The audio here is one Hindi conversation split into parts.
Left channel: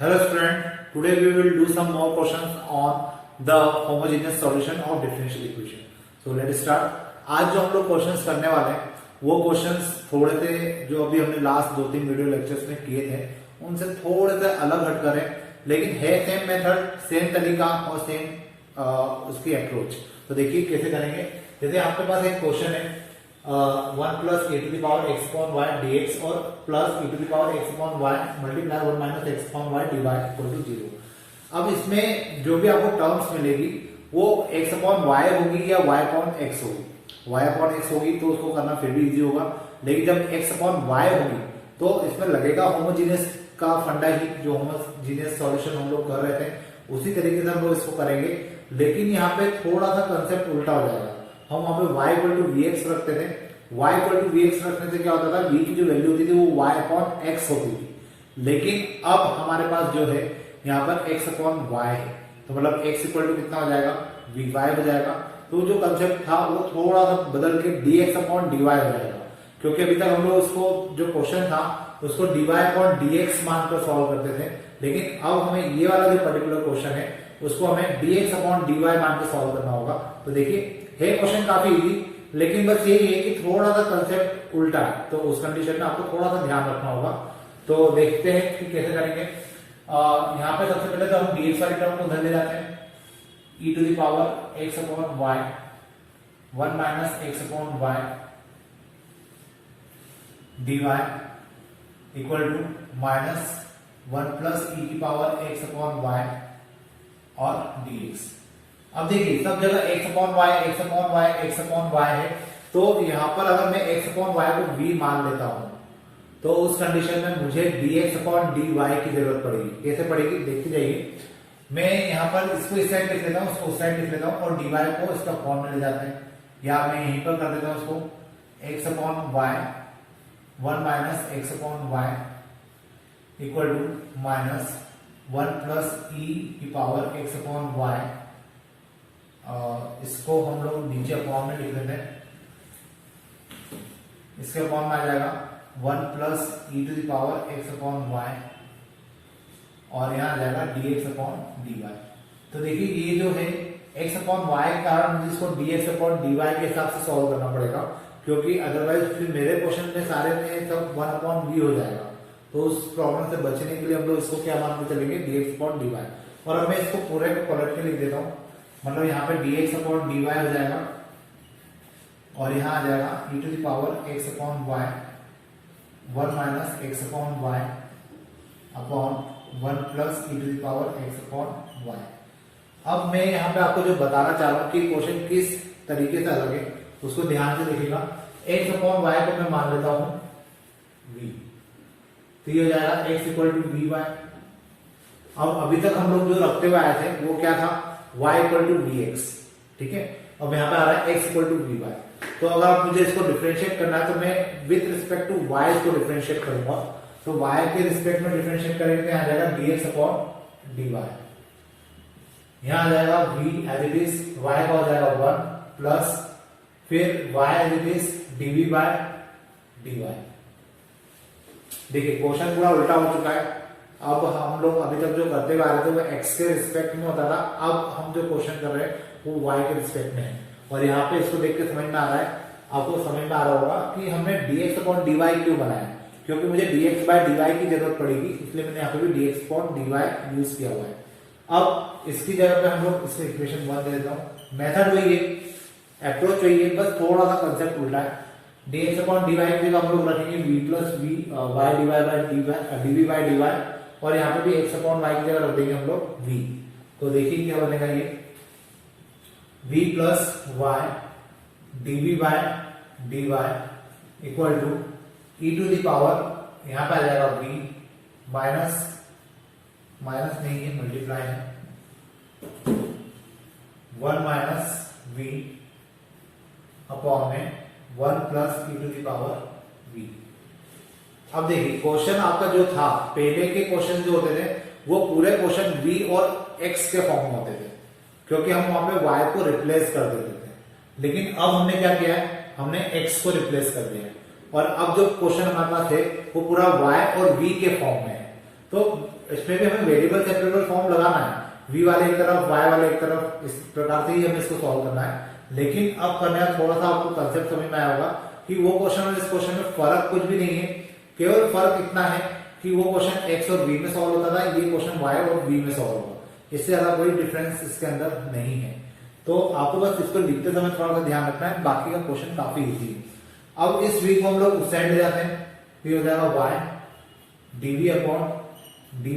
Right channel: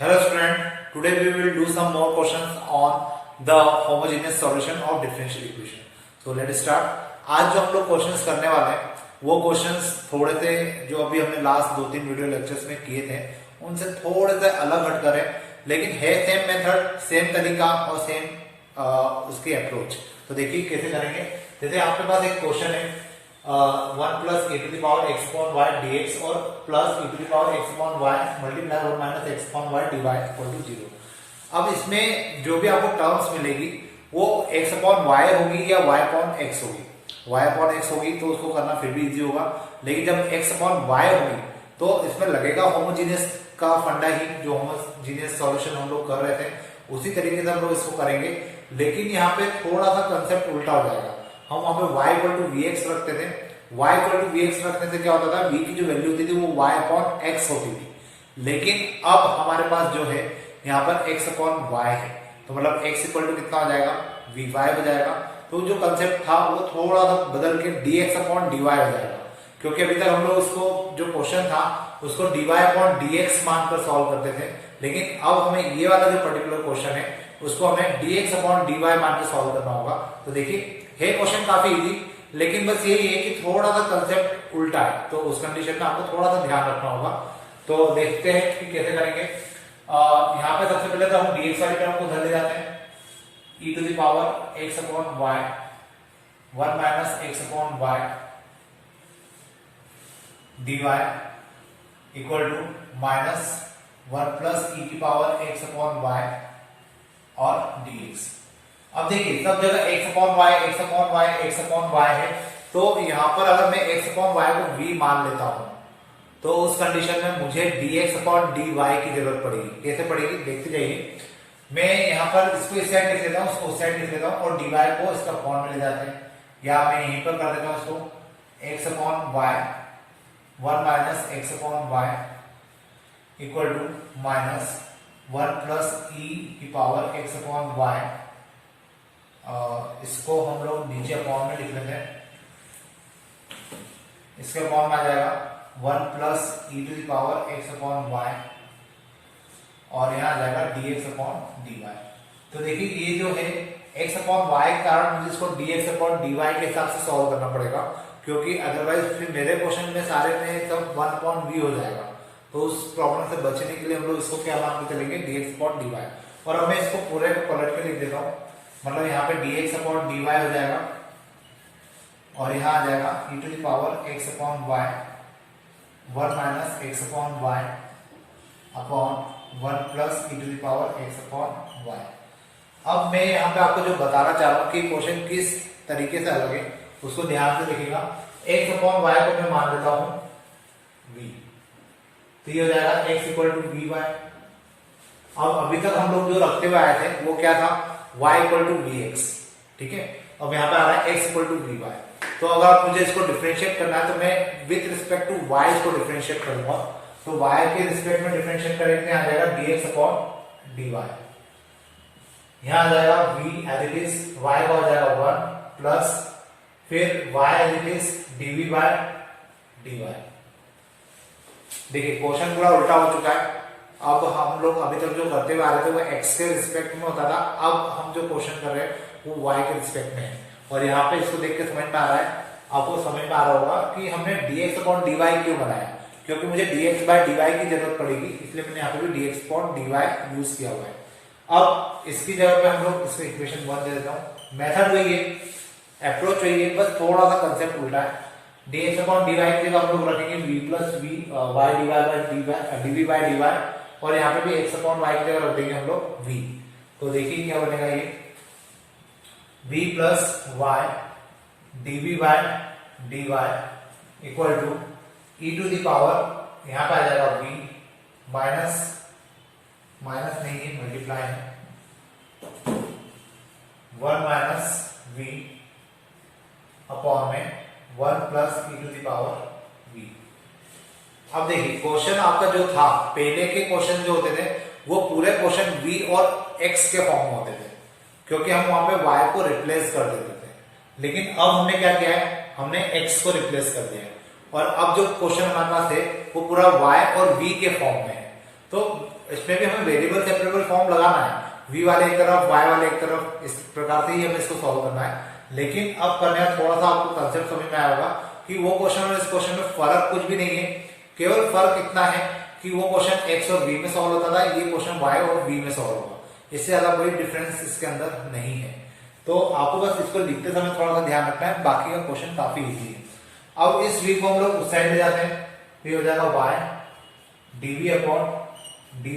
Hello student, today we will do some more questions on the homogeneous solution of differential equation. So let's start. आज जो हम लोग क्वेश्चंस करने वाले हैं वो क्वेश्चंस थोड़े से जो अभी हमने लास्ट 2-3 वीडियो लेक्चर्स में किए थे उनसे थोड़े से अलग हट कर है, लेकिन है सेम मेथड, सेम तरीका और सेम उसकी अप्रोच। तो देखिए कैसे करेंगे। जैसे आपके पास एक क्वेश्चन है 1 plus A to the power X upon Y DX और plus A to the power X upon Y multiply 1 minus X upon Y D Y equal to 0। अब इसमें जो भी आपको टर्म्स मिलेगी वो एक्स अपॉन वाई होगी या वाई अपॉन एक्स होगी। वाई अपॉन एक्स होगी तो उसको करना फिर भी इजी होगा, लेकिन जब एक्स अपॉन वाई होगी तो इसमें लगेगा होमोजीनियस का फंडा ही, जो होमोजीनियस सॉल्यूशन हम लोग कर रहे थे उसी तरीके से हम लोग इसको करेंगे। लेकिन यहाँ पे थोड़ा सा कंसेप्ट उल्टा हो जाएगा। हम वहां पे y equal to v x रखते थे, y equal to v x रखने से क्या होता था, v की जो वैल्यू होती थी वो y अपॉन x होती थी। लेकिन अब हमारे पास जो है यहाँ पर x अपॉन y है, तो मतलब x इक्वल टू कितना हो जाएगा, vy हो जाएगा। तो जो कंसेप्ट था वो थोड़ा सा बदल के dx अपॉन dy हो जाएगा, क्योंकि अभी तक हम लोग उसको जो क्वेश्चन था उसको dy अपॉन dx मानकर सॉल्व करते थे, लेकिन अब हमें ये वाला जो पर्टिकुलर क्वेश्चन है उसको हमें dx अपॉन dy मान के सॉल्व करना होगा। तो देखिए है क्वेश्चन काफी इजी, लेकिन बस यही है कि थोड़ा सा कंसेप्ट उल्टा है, तो उस कंडीशन में आपको थोड़ा सा ध्यान रखना होगा। तो देखते हैं कि कैसे करेंगे। यहाँ पे सबसे पहले तो हम dx वाले टर्म को उधर ले जाते हैं, e to the power x upon y 1 minus x upon y dy equal to minus 1 plus e की पावर x अपॉन y और dx। अब देखिए सब जगह x upon y x upon y x upon y है, तो यहाँ पर अगर मैं x अपॉन y को v मान लेता हूं तो उस कंडीशन में मुझे dx अपॉन dy की जरूरत पड़ेगी। कैसे पड़ेगी देखते जाइए। मैं यहाँ पर इसको इस साइड लिख लेता हूँ, उसको उस साइड लिख लेता हूँ और dy को इसका फॉर्म में ले जाते हैं, या मैं यहीं पर कर देता हूँ इसको x upon y 1 minus x upon y equal to minus 1 plus e की पावर x अपॉन y। इसको हम लोग नीचे फॉर्म में लिख लेते हैं, इसका फॉर्म आ जाएगा 1 plus e to the power x upon y और यहाँ आ जाएगा dx अपॉन dy। तो देखिए ये जो है x अपॉन y के कारण मुझे इसको dx अपॉन dy के हिसाब से सॉल्व करना पड़ेगा, क्योंकि अदरवाइज फिर मेरे क्वेश्चन में सारे में सब 1 अपॉन v हो जाएगा। तो उस प्रॉब्लम से बचने के लिए हम लोग इसको क्या मान के चलेंगे, dx अपॉन dy। और अब मैं इसको पूरे पलट के लिख देता हूँ, मतलब यहाँ पे dx अपॉन dy हो जाएगा और यहाँ आ जाएगा e to the power x upon y 1 minus x upon y upon 1 plus e to the power x upon y। अब मैं यहाँ पे आपको जो बताना चाह रहा हूँ कि क्वेश्चन किस तरीके से अलग है उसको ध्यान से देखिएगा। x अपॉन y को मैं मान लेता हूँ v, तो ये हो जाएगा x equal to v y. अब अभी तक हम लोग जो रखते हुए आए थे वो क्या था, y equal to v x, ठीक है। अब यहाँ पे आ रहा है x equal to v y. तो अगर मुझे इसको डिफरेंशिएट करना है तो मैं विद रिस्पेक्ट टू y इसको डिफरेंशिएट करूंगा। तो y के रिस्पेक्ट में डिफरेंशिएट करेंगे, आ जाएगा dx अपॉन dy। यहाँ आ जाएगा v as it is, y का हो जाएगा 1 प्लस फिर y as it is dv by dy। देखिए क्वेश्चन पूरा उल्टा हो चुका है। अब हम लोग अभी तक जो करते हुए आ रहे थे वो x के रिस्पेक्ट में होता था, अब हम जो क्वेश्चन कर रहे हैं वो y के रिस्पेक्ट में है। और यहाँ पे इसको देख के समझ में आ रहा है, आपको समझ में आ रहा होगा कि हमने dx अपॉन dy क्यों बनाया, क्योंकि मुझे dx बाय dy की जरूरत पड़ेगी, इसलिए मैंने यहाँ पे भी dx अपॉन dy यूज किया हुआ है। अब इसकी जगह पे हम लोग इसको इक्वेशन 1 दे देता हूँ। मेथड वही है, अप्रोच वही है, बस थोड़ा सा कंसेप्ट उल्टा है। dx अपॉन dy की जगह हम लोग रखेंगे v plus v y dy by dv by dy, और यहाँ पे भी x अपॉन y की जगह रख देंगे हम लोग v। तो देखिए क्या बनेगा, ये v plus y dv by dy equal to e to the power, यहाँ पे आ जाएगा v माइनस माइनस नहीं है मल्टीप्लाई है 1 माइनस v अपॉन में 1 plus e to the power v। अब देखिए क्वेश्चन आपका जो था, पहले के क्वेश्चन जो होते थे वो पूरे क्वेश्चन v और x के फॉर्म में होते थे, क्योंकि हम वहां पे y को रिप्लेस कर देते थे। लेकिन अब हमने क्या किया है, हमने x को रिप्लेस कर दिया, और अब जो क्वेश्चन हमारे पास है वो पूरा y और v के फॉर्म में है। तो इसमें भी हमें वेरिएबल सेपरेबल फॉर्म लगाना है, v वाले एक तरफ y वाले एक तरफ, इस प्रकार से ही हमें इसको सॉल्व करना है। लेकिन अब करने का थोड़ा सा आपको कंसेप्ट समझ में आया होगा कि वो क्वेश्चन और इस क्वेश्चन में फर्क कुछ भी नहीं है, केवल फर्क इतना है कि वो क्वेश्चन x और v में सॉल्व होता था, ये क्वेश्चन y और v में सॉल्व होगा। इससे ज्यादा कोई डिफरेंस इसके अंदर नहीं है। तो आपको बस इसको लिखते समय थोड़ा सा ध्यान रखना है, बाकी का क्वेश्चन काफी इजी है। अब इस v को हम लोग उस साइड ले जाते हैं, तो ये हो जाएगा y dv upon dy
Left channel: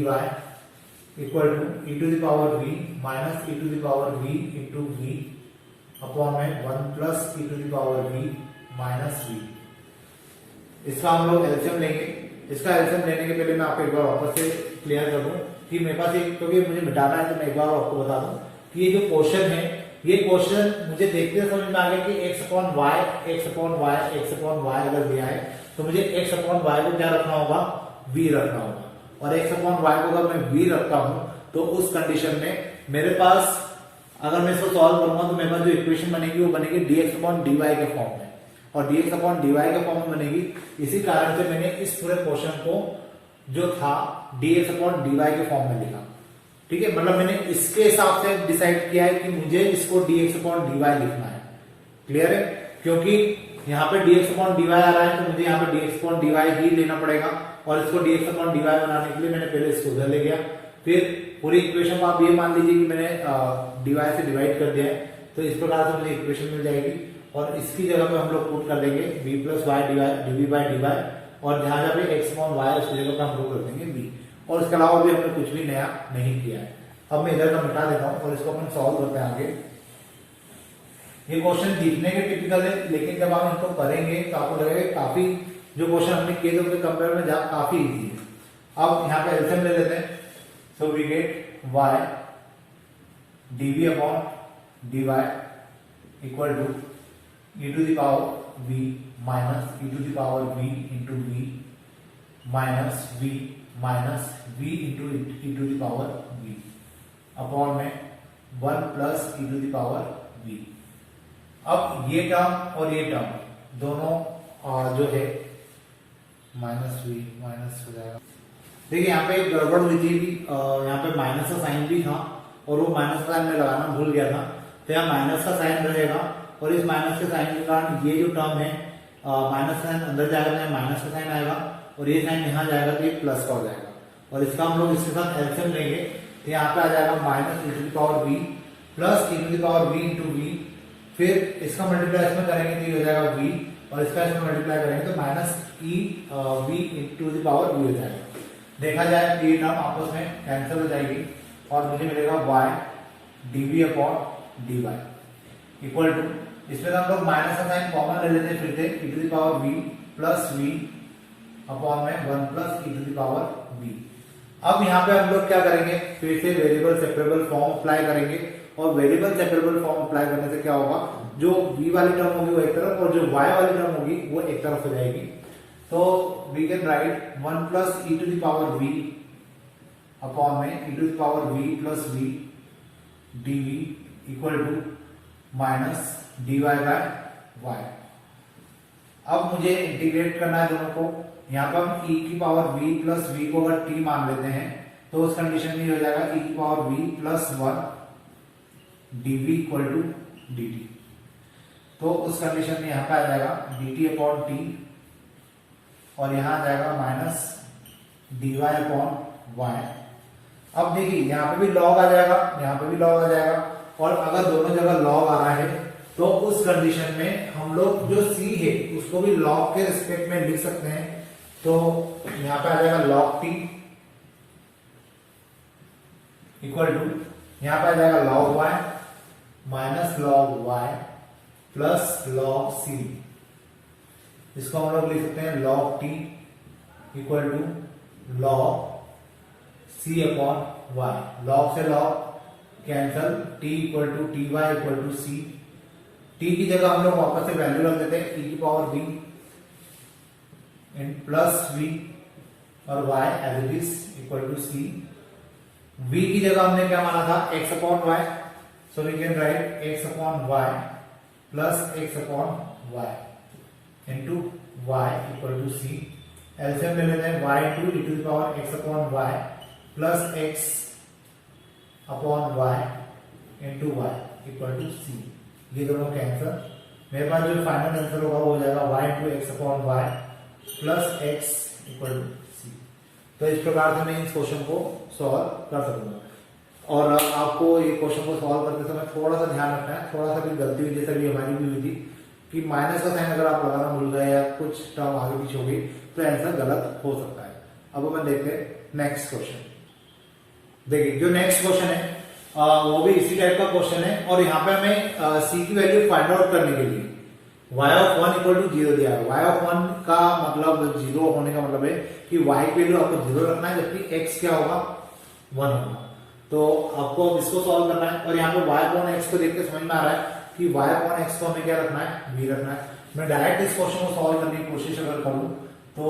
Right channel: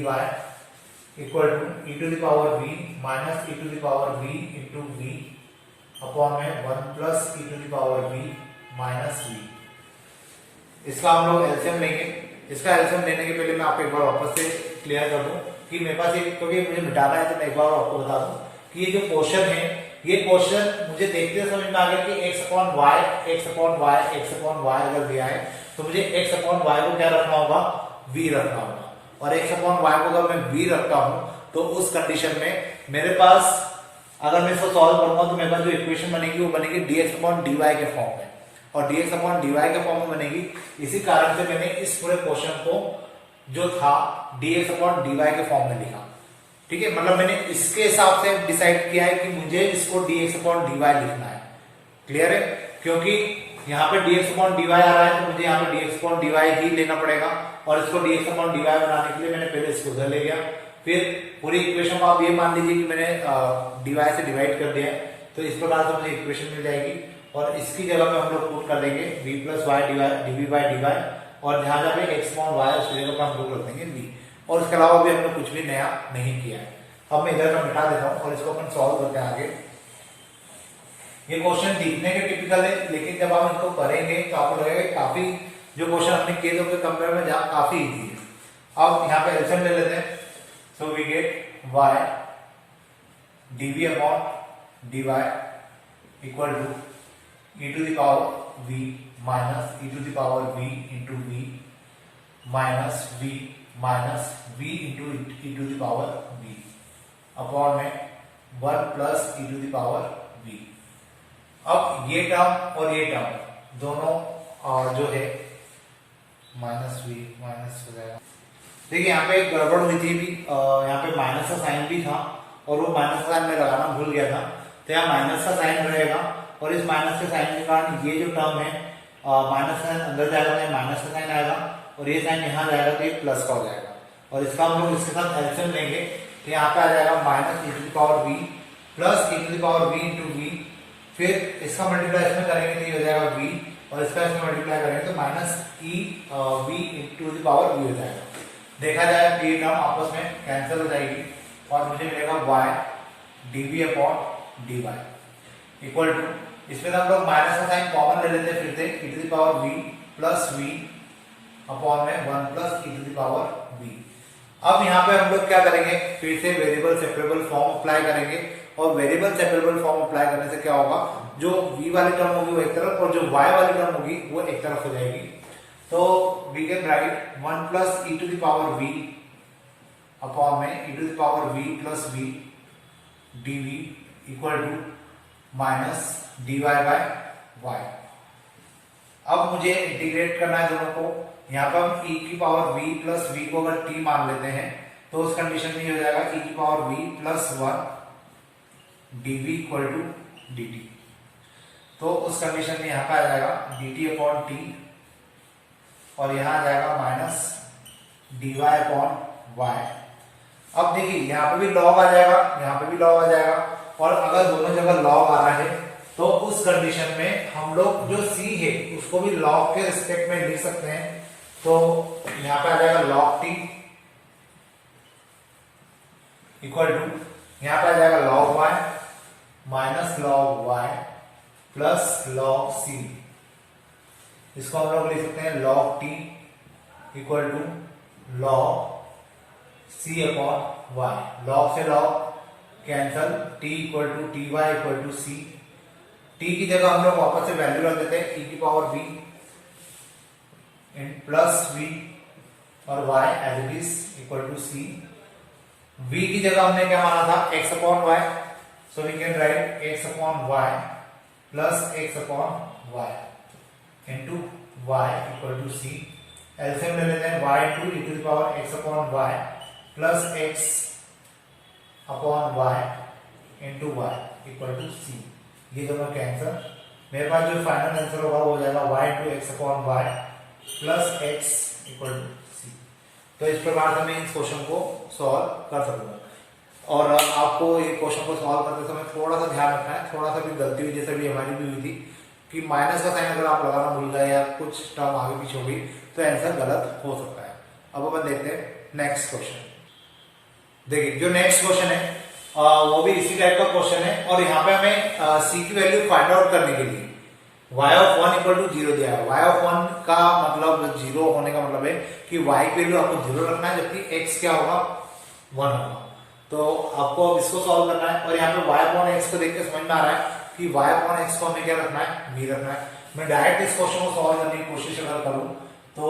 equal to e to the power v minus e to the power v into v upon में 1 plus e to the power v minus v। इसका हम लोग एलसीएम लेंगे। इसका एलसीएम लेने के पहले मैं आपको एक बार वापस से क्लियर कर दूं कि मेरे पास एक, क्योंकि मुझे मिटाना है तो मैं एक बार आपको बता दूं कि ये जो क्वेश्चन है, ये क्वेश्चन मुझे देखते हुए समझ में आ गया कि x अपॉन y अगर दिया है तो मुझे x अपॉन y को क्या रखना होगा, v रखना होगा। और x अपॉन y को अगर मैं v रखता हूं तो उस कंडीशन में मेरे पास, अगर मैं इसको सॉल्व करूंगा तो मेरे पास जो इक्वेशन बनेगी वो बनेगी dx अपॉन dy के फॉर्म में, और dx अपॉन dy के फॉर्म में बनेगी। इसी कारण से मैंने इस पूरे क्वेश्चन को जो था dx अपॉन dy के फॉर्म में लिखा। ठीक है, मतलब मैंने इसके हिसाब से डिसाइड किया है कि मुझे इसको dx अपॉन dy लिखना है। क्लियर है, क्योंकि यहाँ पे dx अपॉन dy आ रहा है तो मुझे यहाँ पे dx अपॉन dy ही लेना पड़ेगा, और इसको dx अपॉन dy बनाने के लिए मैंने पहले इसको उधर ले गया। फिर पूरी इक्वेशन को आप ये मान लीजिए कि मैंने dy से डिवाइड कर दिया है, तो इस प्रकार से मुझे इक्वेशन मिल जाएगी। और इसकी जगह पे हम लोग पुट कर देंगे v plus y dv by dy, और जहां जहां पे x अपॉन y उसकी जगह पे हम लोग रख देंगे v। और इसके अलावा भी हमने कुछ भी नया नहीं किया है। अब मैं इधर का मिटा देता हूँ और इसको अपन सॉल्व करते हैं आगे। ये क्वेश्चन दिखने के टिपिकल है, लेकिन जब आप इनको करेंगे तो आपको लगेगा काफी, जो क्वेश्चन हमने किए थे उसके कंपेयर में काफी इजी है। अब यहाँ पे एलसीएम ले लेते हैं, so we get y dv upon dy equal to e to the power v minus e to the power v into v minus v into e to the power v upon में 1 plus e to the power v। अब ये टर्म और ये टर्म दोनों जो है माइनस v माइनस हो जाएगा। देखिए यहाँ पे एक गड़बड़ हुई थी, यहाँ पे माइनस का साइन भी था और वो माइनस का साइन मैं लगाना भूल गया था, तो यहाँ माइनस का साइन रहेगा, और इस माइनस के साइन के कारण ये जो टर्म है माइनस साइन अंदर जाएगा, माइनस का साइन आएगा, और ये साइन यहाँ जाएगा तो ये प्लस का हो जाएगा। और इसका हम लोग इसके साथ एलसीएम लेंगे तो यहाँ पे आ जाएगा minus e to the power v plus e to the power v into v। फिर इसका मल्टीप्लाई इसमें करेंगे तो ये हो जाएगा v, और इसका इसमें मल्टीप्लाई करेंगे तो minus v into the power v हो जाएगा। देखा जाए कि ये टर्म आपस में कैंसिल हो जाएगी और मुझे मिलेगा y dv upon dy equal to, इसमें हम लोग माइनस का साइन कॉमन ले लेते हैं फिर से, e to the power v plus v upon में 1 plus e to the power v। अब यहाँ पे हम लोग क्या करेंगे, फिर से वेरिएबल सेपरेबल फॉर्म अप्लाई करेंगे, और वेरिएबल सेपरेबल फॉर्म अप्लाई करने से क्या होगा, जो v वाली टर्म होगी वो एक तरफ और जो y वाली टर्म होगी वो एक तरफ हो जाएगी। तो we can write 1 plus e to the power v upon में e to the power v plus v dv equal to minus dy by y। अब मुझे इंटीग्रेट करना है दोनों को। यहाँ पर हम e की पावर v प्लस v को अगर t मान लेते हैं तो उस कंडीशन में ये हो जाएगा e की power v plus 1 dv equal to dt। तो उस कंडीशन में यहाँ पे आ जाएगा dt अपॉन t, और यहाँ आ जाएगा माइनस dy अपॉन y। अब देखिए यहाँ पे भी लॉग आ जाएगा, यहाँ पे भी लॉग आ जाएगा, और अगर दोनों जगह लॉग आ रहा है तो उस कंडीशन में हम लोग जो c है उसको भी लॉग के रिस्पेक्ट में लिख सकते हैं। तो यहाँ पे आ जाएगा log t इक्वल टू, यहाँ पे आ जाएगा log y minus log y plus log c। इसको हम लोग लिख सकते हैं log t equal to log c upon y। log से log cancel, t equal to t y equal to c। t की जगह हम लोग वापस से वैल्यू रख देते हैं e की पावर v प्लस v और y as it is equal to c। v की जगह हमने क्या माना था, x upon y, so we can write x upon y plus x upon y into y equal to c LCM ले लेते हैं y into E to the power x upon Y plus x upon Y into Y equal to C. ये दोनों कैंसर, मेरे पास जो फाइनल आंसर होगा वो हो जाएगा y into X upon Y plus x equal to C. तो इस प्रकार से मैं इस क्वेश्चन को सॉल्व कर सकूंगा। और आपको ये क्वेश्चन को सॉल्व करते समय थोड़ा सा ध्यान रखना है, थोड़ा सा भी गलती हुई जैसे भी हमारी भी हुई थी कि माइनस का साइन अगर आप लगाना भूल गए या कुछ टर्म आगे पीछे हो गई तो आंसर गलत हो सकता है। अब अपन देखते हैं नेक्स्ट क्वेश्चन। देखिए जो नेक्स्ट क्वेश्चन है वो भी इसी टाइप का क्वेश्चन है और यहाँ पे हमें सी की वैल्यू फाइंड आउट करने के लिए y ऑफ 1 इक्वल टू 0 दिया है। y ऑफ 1 का मतलब 0 होने का मतलब है कि y की वैल्यू आपको 0 रखना है, जबकि x क्या होगा 1 होगा। तो आपको अब इसको सॉल्व करना है और यहाँ पे y अपॉन x को देख के समझ में आ रहा है कि y अपॉन x को हमें क्या रखना है, v रखना है। मैं डायरेक्ट इस क्वेश्चन को सॉल्व करने की कोशिश अगर करूं तो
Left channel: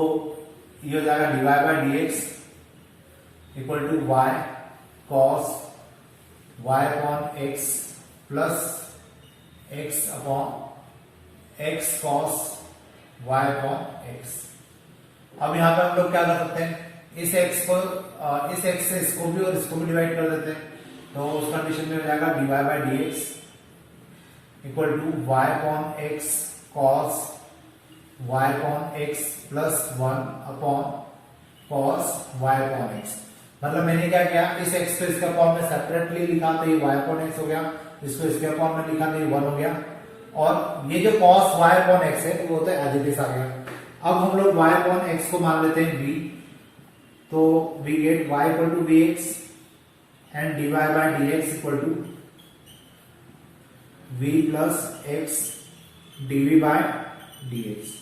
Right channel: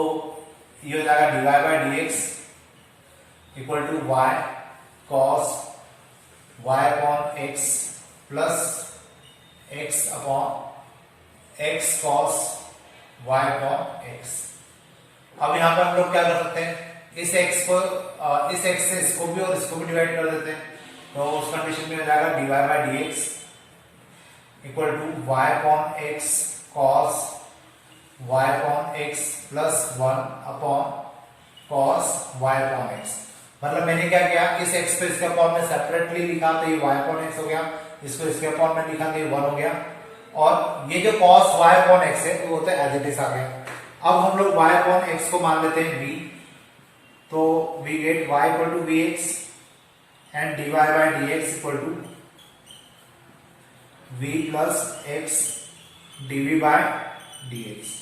ये हो जाएगा dy by dx equal to y cos y upon x plus x upon x cos y upon x। अब यहाँ पे हम लोग क्या कर सकते हैं, इस x को इस x से इसको भी और इसको भी डिवाइड कर देते हैं। तो उस कंडीशन में हो जाएगा dy by dx equal to y upon x cos y upon x plus 1 upon cos y upon x। मतलब मैंने क्या किया, इस x को इसके अपॉन में सेपरेटली लिखा तो ये y अपॉन x हो गया, इसको इसके अपॉन में लिखा तो ये 1 हो गया और ये जो cos y अपॉन x है वो तो एज इट इज आ गया। अब हम लोग y अपॉन x को मान लेते हैं v, तो we get y equal to vx and dy by dx equal to v plus x dv by dx।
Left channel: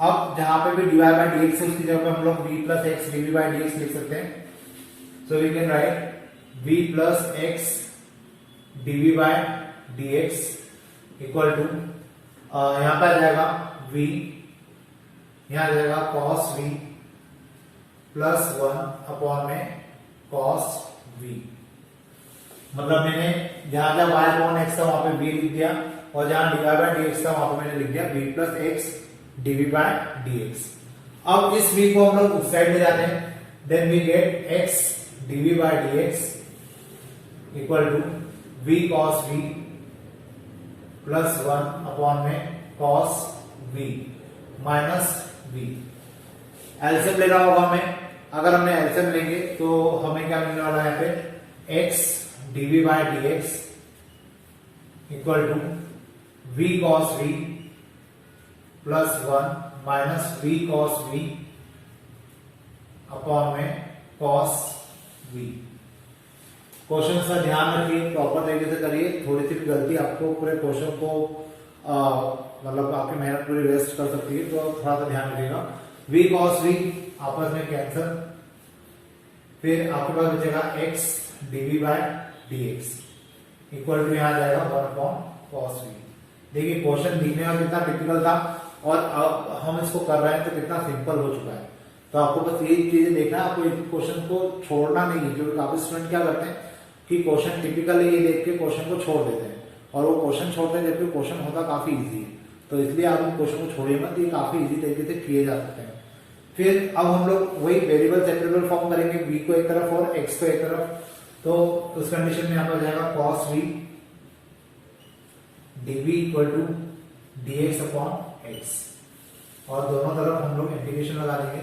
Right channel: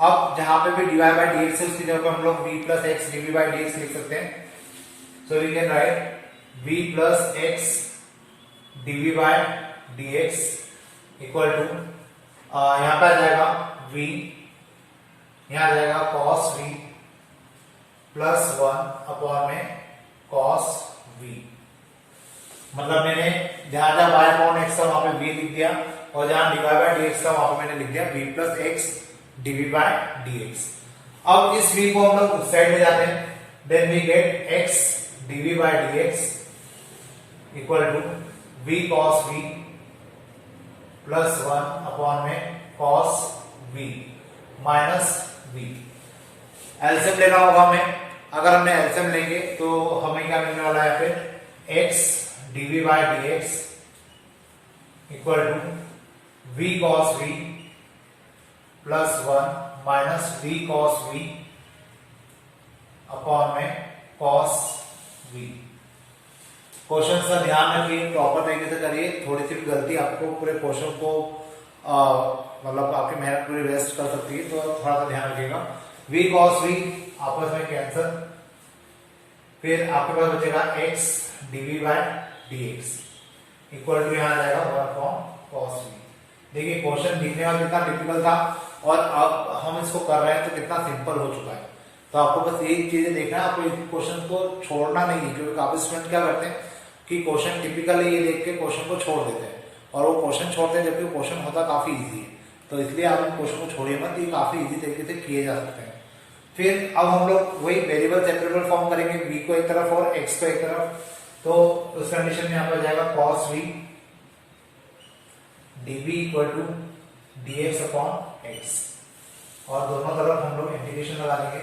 अब जहां पे भी dy बाय dx है उसकी जगह पे हम लोग v plus x dv by dx लिख सकते हैं। So we can write v plus x dv by dx equal to यहां पे आ जाएगा v, यहां आ जाएगा cos v प्लस 1 अपॉन में cos v। मतलब मैंने जहां जहां y अपॉन x था वहां पे v लिख दिया और जहां dy बाय dx था वहां पे मैंने लिख दिया v plus x dv by dx। अब इस v को हम लोग उस साइड ले जाते हैं, then we get x dv by dx equal to v cos v plus 1 upon में cos v minus v। LCM लेना होगा हमें, अगर हमने एलसीएम लेंगे तो हमें क्या मिलने वाला है यहाँ पे x dv by dx equal to v cos v plus 1 minus v cos v upon में cos v। क्वेश्चन का ध्यान रखिए, प्रॉपर तरीके से करिए, थोड़ी सी भी गलती आपको पूरे क्वेश्चन को मतलब आपकी मेहनत पूरी वेस्ट कर सकती है, तो थोड़ा सा ध्यान रखिएगा। v cos v आपस में कैंसिल, फिर आपके पास बचेगा x dv by dx equal to यहां जाएगा 1 अपॉन cos v। देखिए क्वेश्चन दिखने में कितना टिपिकल था और अब हम इसको कर रहे हैं तो कितना सिंपल हो चुका है। तो आपको बस यही चीजें देखना है, आपको इस क्वेश्चन को छोड़ना नहीं है। जो काफी स्टूडेंट क्या करते हैं कि क्वेश्चन टिपिकल है ये देख के क्वेश्चन को छोड़ देते हैं और वो क्वेश्चन छोड़ते हैं जबकि क्वेश्चन होता काफी इजी है। तो इसलिए आप इन क्वेश्चन को छोड़िए मत, ये काफी इजी तरीके से किए जा सकते हैं। फिर अब हम लोग वही वेरिएबल सेपरेबल फॉर्म करेंगे, v को एक तरफ और x को एक तरफ। तो उस कंडीशन में यहाँ पर जाएगा cos v dv equal to dx upon x और दोनों तरफ हम लोग इंटीग्रेशन लगा देंगे।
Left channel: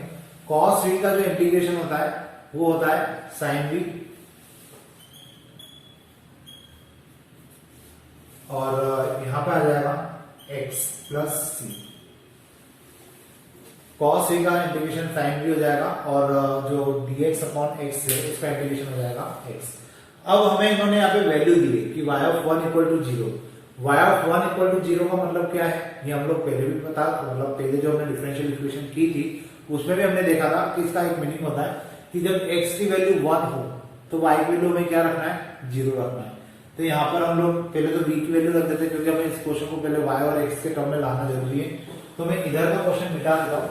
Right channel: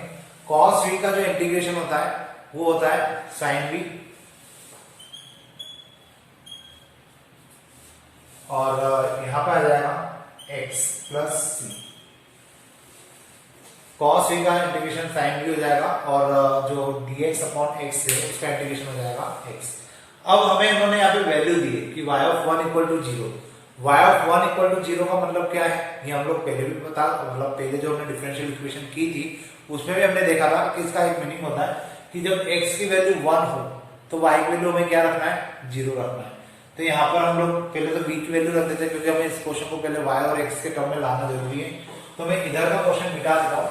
cos v का जो इंटीग्रेशन होता है वो होता है sin v और यहां पर आ जाएगा x plus c। cos v का इंटीग्रेशन sin v हो जाएगा और जो dx अपॉन x है उसका इंटीग्रेशन हो जाएगा x। अब हमें इन्होंने यहाँ पे वैल्यू दी है कि y of 1 equal to 0। y of 1 equal to 0 का मतलब क्या है, ये हम लोग पहले भी पता, मतलब पहले जो हमने डिफरेंशियल इक्वेशन की थी उसमें भी हमने देखा था कि इसका एक मीनिंग होता है कि जब x की वैल्यू 1 हो तो y की वैल्यू में क्या रखना है, 0 रखना है। तो यहाँ पर हम लोग पहले तो v की वैल्यू रख देते हैं क्योंकि हमें इस क्वेश्चन को पहले y और x के टर्म में लाना जरूरी है। तो मैं इधर का क्वेश्चन मिटा देता हूँ,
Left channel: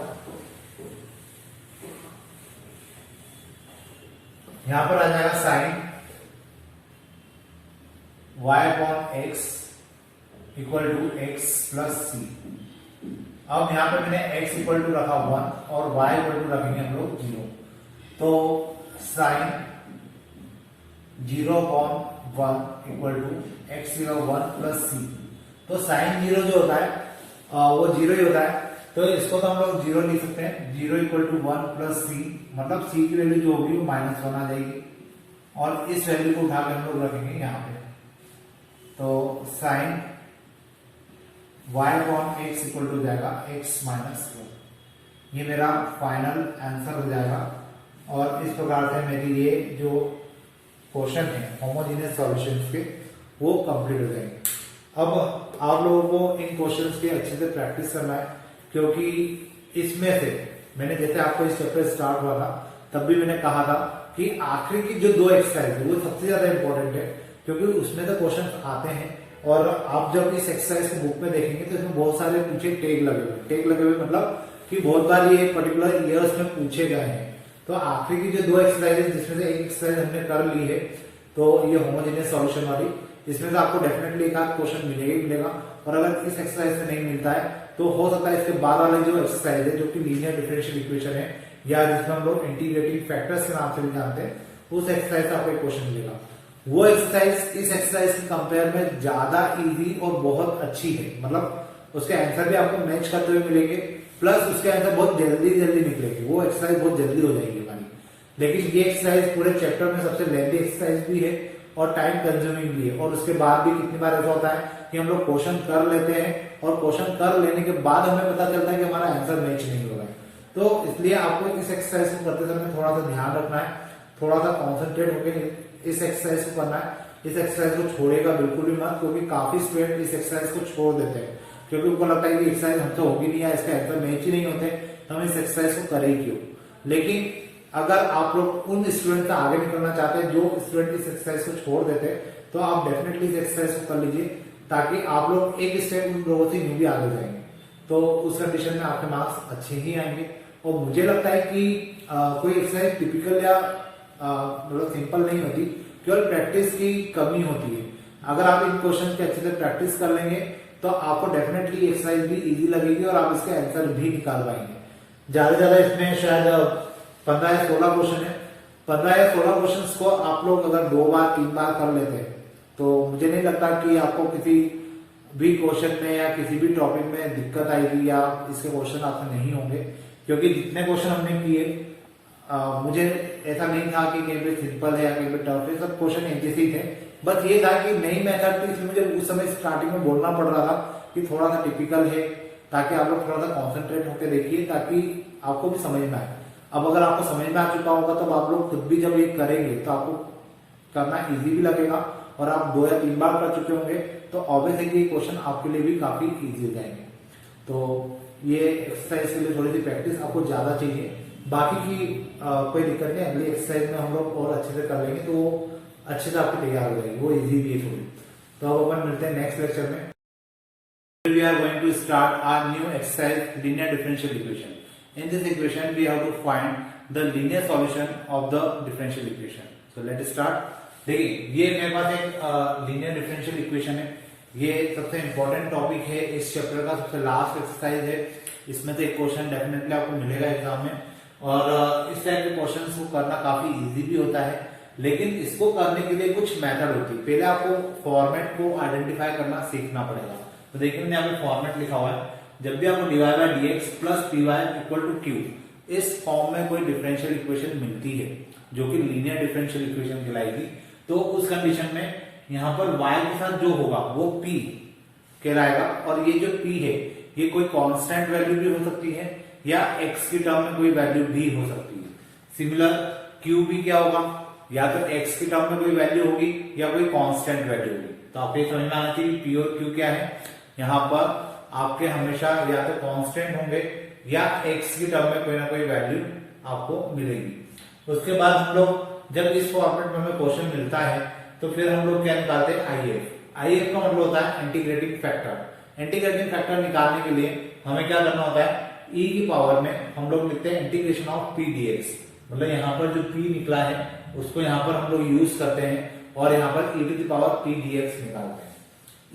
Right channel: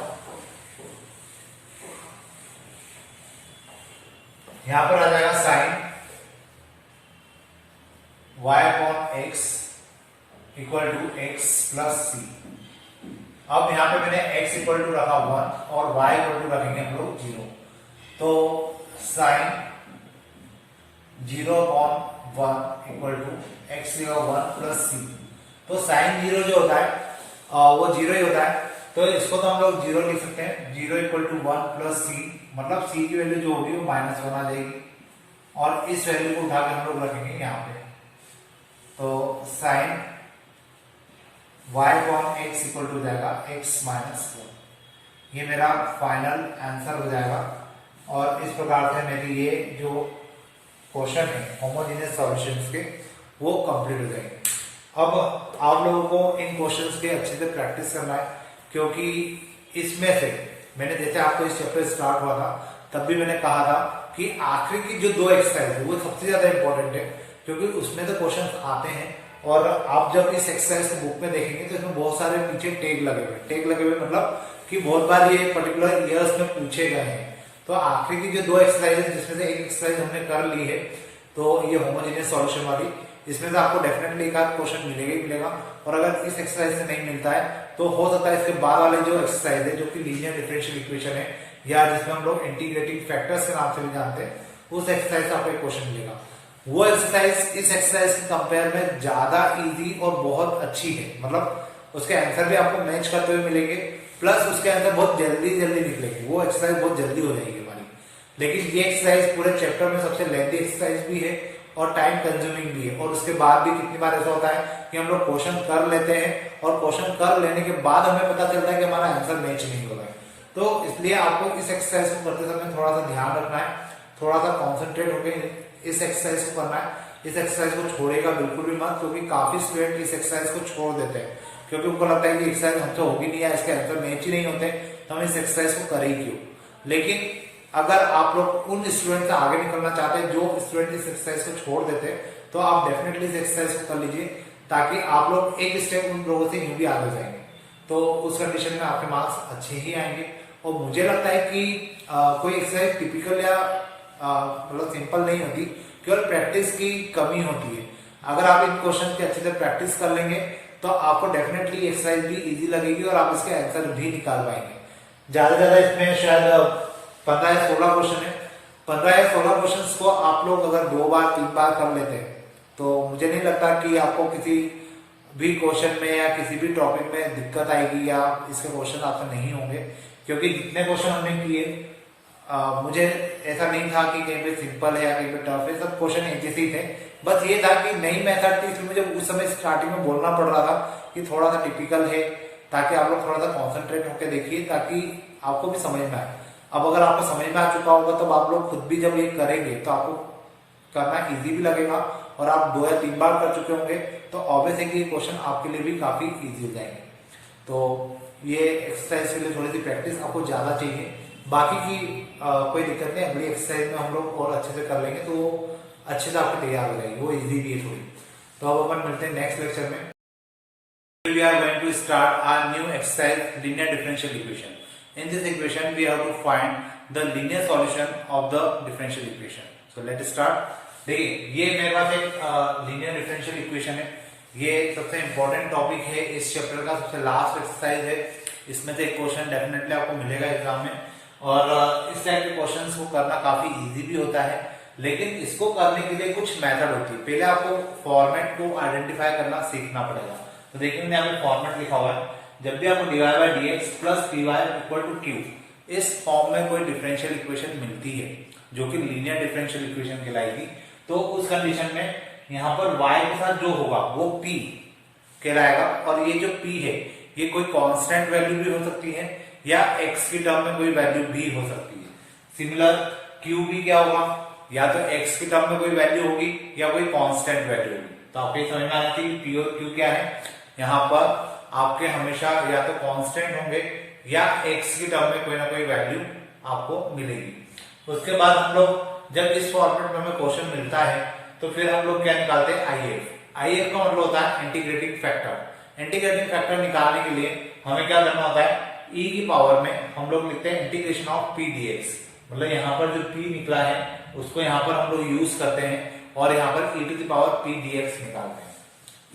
यहां पर आ जाएगा sine y upon x equal to x plus c। अब यहाँ पे मैंने x इक्वल टू रखा 1 और y इक्वल टू रखेंगे हम लोग 0। तो sine 0/1 equal to x 1 plus c। तो साइन 0 जो होता है वो 0 ही होता है, तो इसको तो हम लोग 0 लिख सकते हैं। 0 इक्वल टू 1 प्लस c, मतलब c की वैल्यू जो होगी वो -1 आ जाएगी और इस वैल्यू को उठा के हम लोग रखेंगे यहाँ पे। तो साइन y/x इक्वल टू जाएगा x -1। ये मेरा फाइनल आंसर हो जाएगा और इस प्रकार से मेरे ये जो क्वेश्चन है होमोजेनियस सॉल्यूशंस के वो कंप्लीट हो जाएंगे। अब आप लोगों को इन क्वेश्चंस के अच्छे से प्रैक्टिस करना है, क्योंकि इसमें से मैंने जैसे आपको इस चैप्टर स्टार्ट हुआ था तब भी मैंने कहा था कि आखिरी की जो 2 एक्सरसाइज है वो सबसे ज्यादा इंपॉर्टेंट है, क्योंकि उसमें तो क्वेश्चन आते हैं और आप जब इस एक्सरसाइज को बुक में देखेंगे तो इसमें बहुत सारे पीछे टैग लगे हुए मतलब कि बहुत बार ये पर्टिकुलर ईयर्स में पूछे गए हैं। तो आखिरी की जो 2 एक्सरसाइज जिसमें से एक एक्सरसाइज हमने कर ली है, तो ये होमोजेनियस सॉल्यूशन वाली, इसमें से आपको डेफिनेटली एक आध क्वेश्चन मिलेगा ही मिलेगा। और अगर इस एक्सरसाइज से नहीं मिलता है तो हो सकता है इसके बाद वाले जो एक्सरसाइज है जो कि लीनियर डिफरेंशियल इक्वेशन है या जिसमें हम लोग इंटीग्रेटिंग फैक्टर्स के नाम से भी जानते हैं, उस एक्सरसाइज से आपको एक क्वेश्चन मिलेगा। वो एक्सरसाइज इस एक्सरसाइज के कंपेयर में ज्यादा इजी और बहुत अच्छी है, मतलब उसके आंसर भी आपको मैच करते हुए मिलेंगे, प्लस उसके आंसर बहुत जल्दी निकलेंगे। वो एक्सरसाइज बहुत जल्दी हो जाएगी हमारी। लेकिन ये एक्सरसाइज पूरे चैप्टर में सबसे लेंथी एक्सरसाइज भी है और टाइम कंज्यूमिंग भी है। और उसके बाद भी कितनी बार ऐसा होता है कि हम लोग क्वेश्चन कर लेते हैं और क्वेश्चन कर लेने के बाद हमें पता चलता है कि हमारा आंसर मैच नहीं हो रहा है। तो इसलिए आपको इस एक्सरसाइज को करते समय थोड़ा सा ध्यान रखना है, थोड़ा सा कॉन्सेंट्रेट होकर इस एक्सरसाइज को करना है। इस एक्सरसाइज को छोड़ेगा बिल्कुल भी मत, क्योंकि काफी स्टूडेंट इस एक्सरसाइज को छोड़ देते हैं क्योंकि उनको लगता है कि एक्सरसाइज हमसे होगी नहीं या इसके आंसर मैच ही नहीं होते, तो हम इस एक्सरसाइज को करें क्यों। लेकिन अगर आप लोग उन स्टूडेंट से आगे निकलना चाहते हैं जो स्टूडेंट इस एक्सरसाइज को छोड़ देते हैं, तो आप डेफिनेटली इस एक्सरसाइज को कर लीजिए, ताकि आप लोग एक स्टेप उन लोगों से यूं भी आगे जाएंगे। तो उस कंडीशन में आपके मार्क्स अच्छे ही आएंगे। और मुझे लगता है कि कोई एक्सरसाइज टिपिकल या मतलब सिंपल नहीं होती, केवल प्रैक्टिस की कमी होती है। अगर आप इन क्वेश्चन की अच्छे से प्रैक्टिस कर लेंगे तो आपको डेफिनेटली एक्सरसाइज भी इजी लगेगी और आप इसके आंसर भी निकाल पाएंगे। ज्यादा ज्यादा इसमें शायद 15 या 16 क्वेश्चन है। 15 या 16 क्वेश्चन को आप लोग अगर 2 बार 3 बार कर लेते हैं तो मुझे नहीं लगता कि आपको किसी भी क्वेश्चन में या किसी भी टॉपिक में दिक्कत आएगी या इसके क्वेश्चन आपसे नहीं होंगे, क्योंकि जितने क्वेश्चन हमने किए मुझे ऐसा नहीं था कि कहीं पे सिंपल है या कहीं पे टफ है, सब क्वेश्चन एक जैसे ही थे। बस ये था कि नई मेथड थी, इसलिए मुझे उस समय स्टार्टिंग में बोलना पड़ रहा था कि थोड़ा सा टिपिकल है, ताकि आप लोग थोड़ा सा कॉन्सेंट्रेट होकर देखिए ताकि आपको भी समझ में आए। अब अगर आपको समझ में आ चुका होगा तो आप लोग खुद भी जब ये करेंगे तो आपको करना इजी भी लगेगा, और आप 2 या 3 बार कर चुके होंगे तो ऑब्वियस है कि ये क्वेश्चन आपके लिए भी काफी इजी हो जाएंगे। तो ये एक्सरसाइज के लिए थोड़ी सी प्रैक्टिस आपको ज्यादा चाहिए, बाकी की कोई दिक्कत नहीं। अगली एक्सरसाइज में हम लोग और अच्छे से कर लेंगे तो वो अच्छे से आपकी तैयार हो जाएगी, वो इजी भी है थोड़ी। तो अब अपन मिलते हैं नेक्स्ट लेक्चर में। We are going to start our new exercise, linear differential equation. In this equation, we have to find the linear solution of the differential equation. So let's start. देखिए ये मेरे पास एक लीनियर डिफरेंशियल इक्वेशन है। ये सबसे इंपॉर्टेंट टॉपिक है इस चैप्टर का, सबसे लास्ट एक्सरसाइज है। इसमें से एक क्वेश्चन डेफिनेटली आपको मिलेगा एग्जाम में, और इस टाइप के क्वेश्चंस को करना काफी इजी भी होता है, लेकिन इसको करने के लिए कुछ मेथड होती है। पहले आपको फॉर्मेट को आइडेंटिफाई करना सीखना पड़ेगा। तो देखिए मैंने यहाँ पे फॉर्मेट लिखा हुआ है, जब भी आपको dy by dx plus py equal to q इस फॉर्म में कोई डिफरेंशियल इक्वेशन मिलती है जो कि लीनियर डिफरेंशियल इक्वेशन कहलाएगी, तो उस कंडीशन में यहाँ पर y के साथ जो होगा वो p कहलाएगा। और ये जो p है ये कोई कांस्टेंट वैल्यू भी हो सकती है या x की टर्म में कोई वैल्यू भी हो सकती है। सिमिलर q भी क्या होगा, या तो x की टर्म में कोई वैल्यू होगी या कोई कांस्टेंट वैल्यू होगी। तो आपको ये समझ में आना चाहिए p और q क्या है। यहाँ पर आपके हमेशा या तो कांस्टेंट होंगे या x की टर्म में कोई ना कोई वैल्यू आपको मिलेगी। उसके बाद हम लोग जब इस फॉर्मेट में हमें क्वेश्चन मिलता है तो फिर हम लोग क्या निकालते हैं, IF का मतलब होता है इंटीग्रेटिंग फैक्टर। इंटीग्रेटिंग फैक्टर निकालने के लिए हमें क्या करना होता है, e की पावर में हम लोग लिखते हैं इंटीग्रेशन ऑफ p dx। मतलब यहाँ पर जो p निकला है उसको यहाँ पर हम लोग यूज करते हैं और यहाँ पर e to the power p dx निकालते हैं।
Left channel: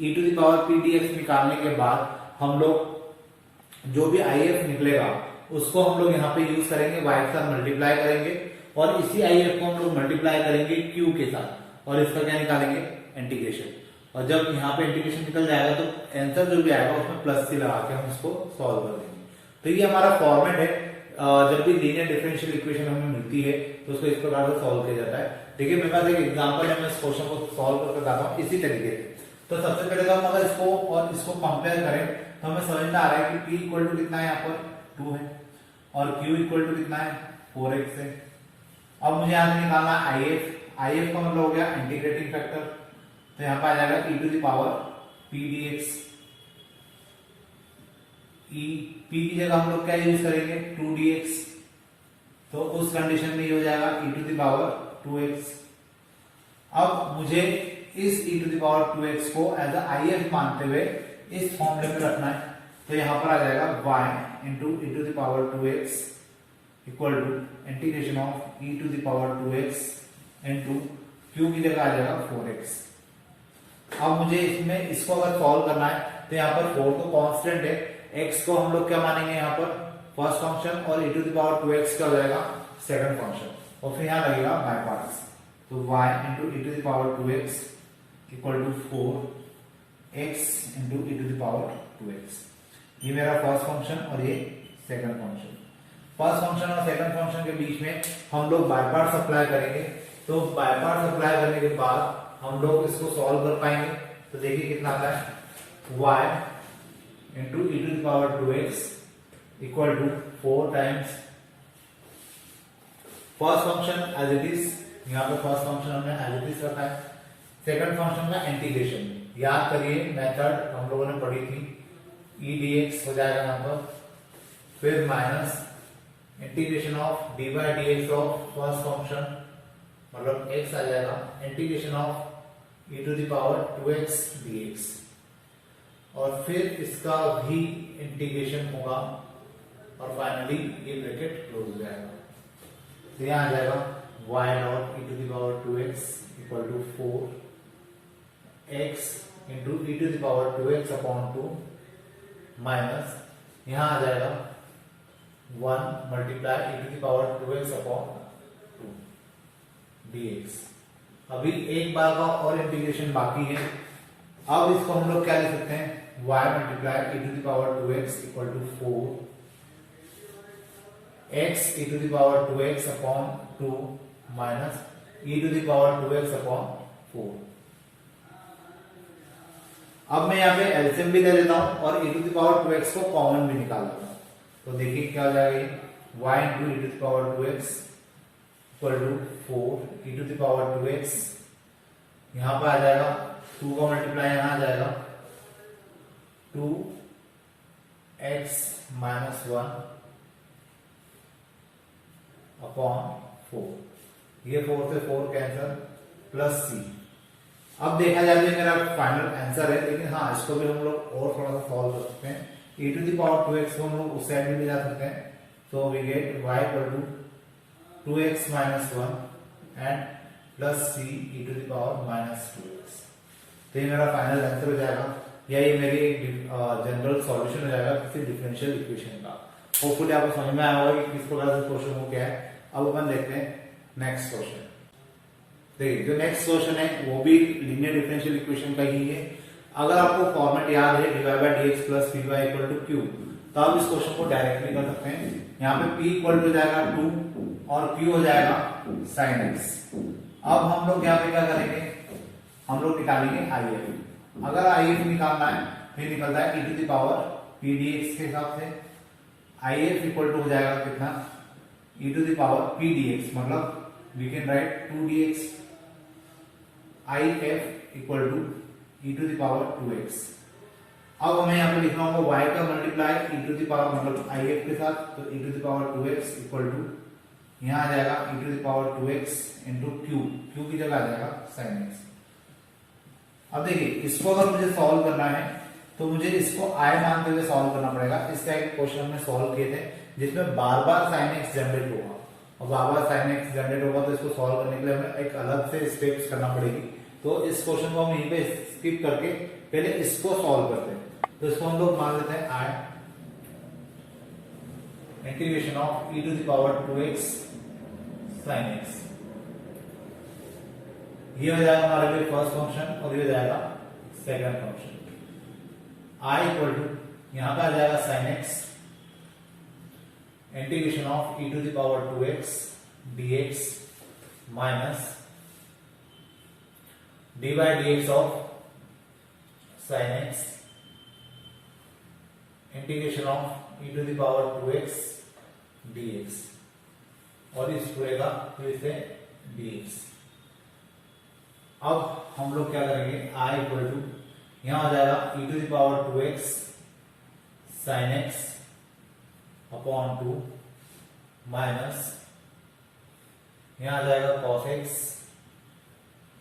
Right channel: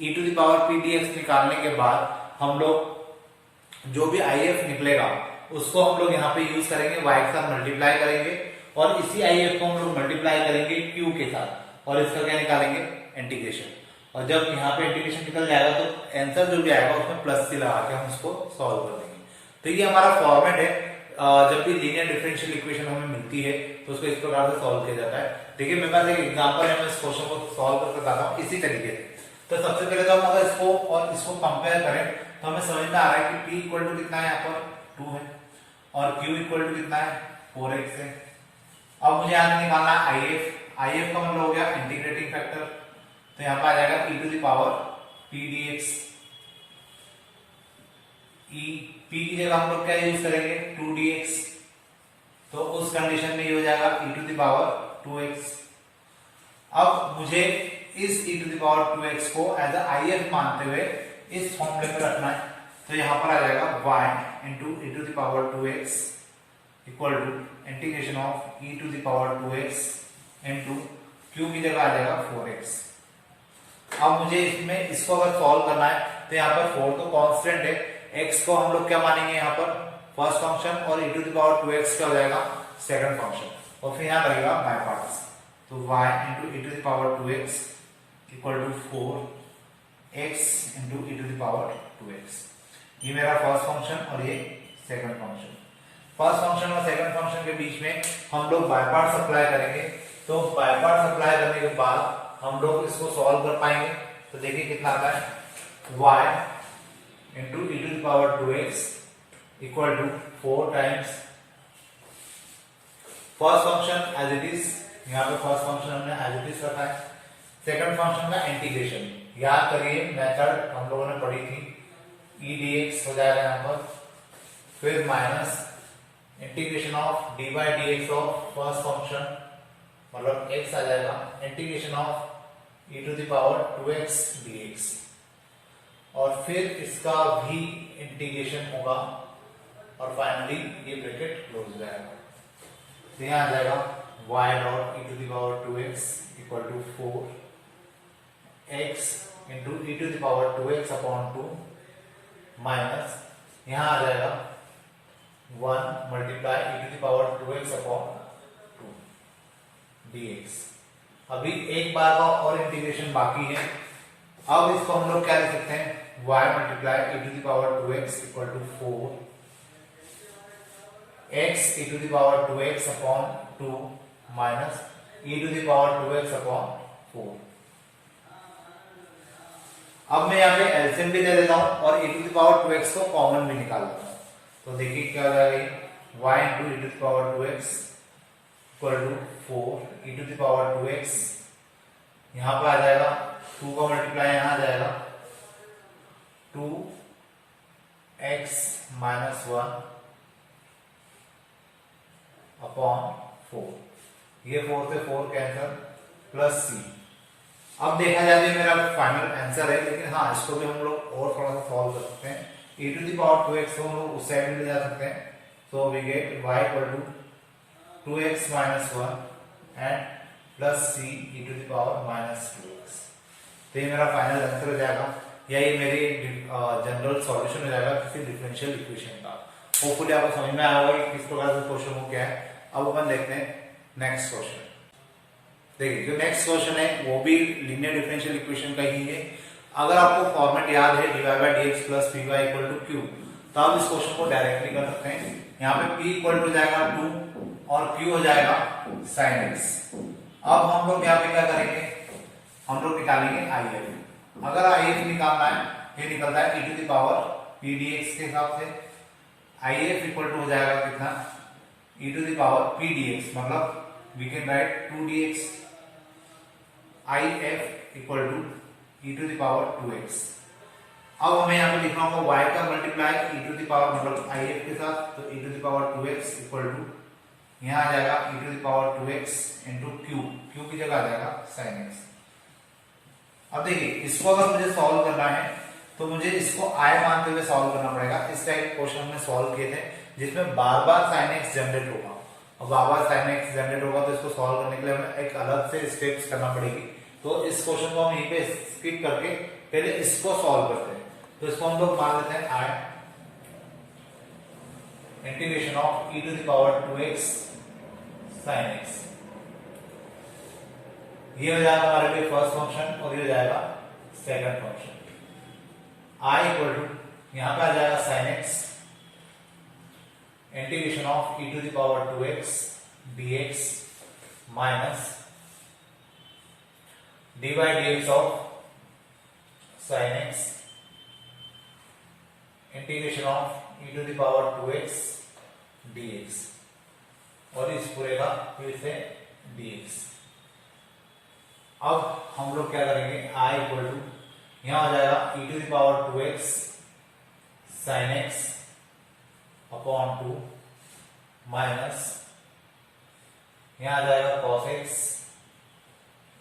e to the power p dx निकालने के बाद हम लोग जो भी आई एफ निकलेगा उसको हम लोग यहाँ पे यूज करेंगे, वाई के साथ मल्टीप्लाई करेंगे और इसी आई एफ को हम लोग मल्टीप्लाई करेंगे क्यू के साथ और इसका क्या निकालेंगे, इंटीग्रेशन। और जब यहाँ पे इंटीग्रेशन निकल जाएगा तो आंसर जो भी आएगा उसमें प्लस सी लगा के हम उसको सॉल्व कर देंगे। तो ये हमारा फॉर्मेट है। जब भी लीनियर डिफरेंशियल इक्वेशन हमें मिलती है तो उसको इस प्रकार से सॉल्व किया जाता है। देखिए मेरे पास एक एग्जांपल है, मैं इस क्वेश्चन को सॉल्व करके बताता हूँ इसी तरीके से। तो सबसे पहले तो हम अगर इसको और इसको कंपेयर करें तो हमें समझ में आ रहा है कि p इक्वल टू कितना है, यहाँ पर 2 है और q इक्वल टू कितना है, 4x है। अब मुझे यहाँ से निकालना है if का मतलब हो गया इंटीग्रेटिंग फैक्टर, तो यहाँ पर आ जाएगा e to the power p dx। p की जगह हम लोग क्या यूज करेंगे, 2dx, तो उस कंडीशन में ये हो जाएगा e to the power 2x। अब मुझे इस e to the power 2x को एज आई एफ मानते हुए इस फॉर्मूले में रखना है। तो यहां पर आ जाएगा y into e to the power 2x equal to integration of e to the power 2x into q की जगह आ जाएगा 4x। अब मुझे इसमें इसको अगर सॉल्व करना है तो यहाँ पर 4 तो कांस्टेंट है, x को हम लोग क्या मानेंगे यहाँ पर फर्स्ट फंक्शन और e to the power 2x क्या हो जाएगा सेकंड फंक्शन, और फिर यहाँ लगेगा बाय पार्ट्स। तो y into e to the power 2x equal to 4x into e to the power 2x। ये मेरा फर्स्ट फंक्शन और ये सेकंड फंक्शन। फर्स्ट फंक्शन और सेकंड फंक्शन के बीच में हम लोग बाय पार्ट्स अप्लाई करेंगे। तो बाय पार्ट्स अप्लाई करने के बाद हम लोग इसको सॉल्व कर पाएंगे। तो देखिए कितना आता है, y into e to the power 2x equal to 4 times first function as it is, यहाँ पे फर्स्ट फंक्शन हमने एज इट इज रखा है। सेकंड फंक्शन में इंटीग्रेशन, याद करिए मेथड हम लोगों ने पढ़ी थी, e dx हो जाएगा यहाँ पर, फिर minus integration of dy dx of first function मतलब x आ जाएगा, integration of e to the power 2x dx और फिर इसका भी इंटीग्रेशन होगा और फाइनली ये ब्रैकेट क्लोज हो जाएगा। तो यहाँ आ जाएगा y dot e to the power 2x equal to 4x into e to the power 2x upon 2 minus यहाँ आ जाएगा 1 multiply e to the power 2x upon 2 dx। अभी एक बार का और इंटीग्रेशन बाकी है। अब इसको हम लोग क्या लिख सकते हैं, y multiply e to the power 2x equal to 4x e to the power 2x upon 2 minus e to the power 2x upon 4। अब मैं यहाँ पे एलसीएम भी ले लेता हूं और e to the power 2x को कॉमन भी निकाल लेता हूं। तो देखिए क्या हो जाएगा, y into e to the power 2x equal to 4 e to the power 2x, यहां पर आ जाएगा 2 का मल्टीप्लाई यहां आ जाएगा 2x माइनस 1 अपॉन 4, ये 4 से 4 कैंसिल प्लस c। अब देखा जाए तो मेरा फाइनल आंसर है, लेकिन हाँ इसको भी हम लोग और थोड़ा सा सॉल्व कर सकते हैं। e to the power 2x को हम लोग उस साइड में ले जा सकते हैं। So we get y equal to 2x minus 1 and plus c e to the power minus 2x। तो ये मेरा फाइनल आंसर हो जाएगा, या ये मेरी जनरल सॉल्यूशन हो जाएगा किसी डिफरेंशियल इक्वेशन का। होपफुली आपको समझ में आया होगा कि किस प्रकार से क्वेश्चन हो क्या है। अब अपन देखते हैं नेक्स्ट क्वेश्चन। देखिए जो नेक्स्ट क्वेश्चन है वो भी लीनियर डिफरेंशियल इक्वेशन का ही है। अगर आपको फॉर्मेट याद है dy by dx plus py equal to q, तो आप इस क्वेश्चन को डायरेक्टली कर सकते हैं। यहाँ पे p इक्वल टू हो जाएगा 2 और q हो जाएगा sin x। अब हम लोग यहाँ पे क्या करेंगे, हम लोग निकालेंगे if। अगर if निकालना है, ये निकलता है e to the power p dx के हिसाब से। if इक्वल टू हो जाएगा कितना, e to the power p dx, मतलब we can write 2dx। if equal to e to the power 2x। अब हमें यहाँ पे लिखना होगा y का multiply e to the power मतलब if के साथ, तो e to the power 2x equal to यहाँ आ जाएगा e to the power 2x into q की जगह आ जाएगा sin x। अब देखिए इसको अगर मुझे सॉल्व करना है तो मुझे इसको i मानते हुए सॉल्व करना पड़ेगा। इस टाइप क्वेश्चन हमने सॉल्व किए थे जिसमें बार बार sin x जनरेट होगा, और बार बार sin x जनरेट होगा तो इसको सॉल्व करने के लिए हमें एक अलग से स्टेप्स करना पड़ेगी। तो इस क्वेश्चन को हम यहीं पे स्किप करके पहले इसको सॉल्व करते हैं। तो इसको हम लोग मान लेते हैं i integration of e to the power 2x sin x। ये हो जाएगा हमारे लिए फर्स्ट फंक्शन और ये हो जाएगा second function. I equal to यहां पे आ जाएगा sin x integration of e to the power 2x dx minus dy dx of sin x integration of e to the power 2x dx और इस पूरे का फिर से dx। अब हम लोग क्या करेंगे, I इक्वल टू यहां हो जाएगा e to the power 2x sin x upon 2 minus यहां आ जाएगा cos x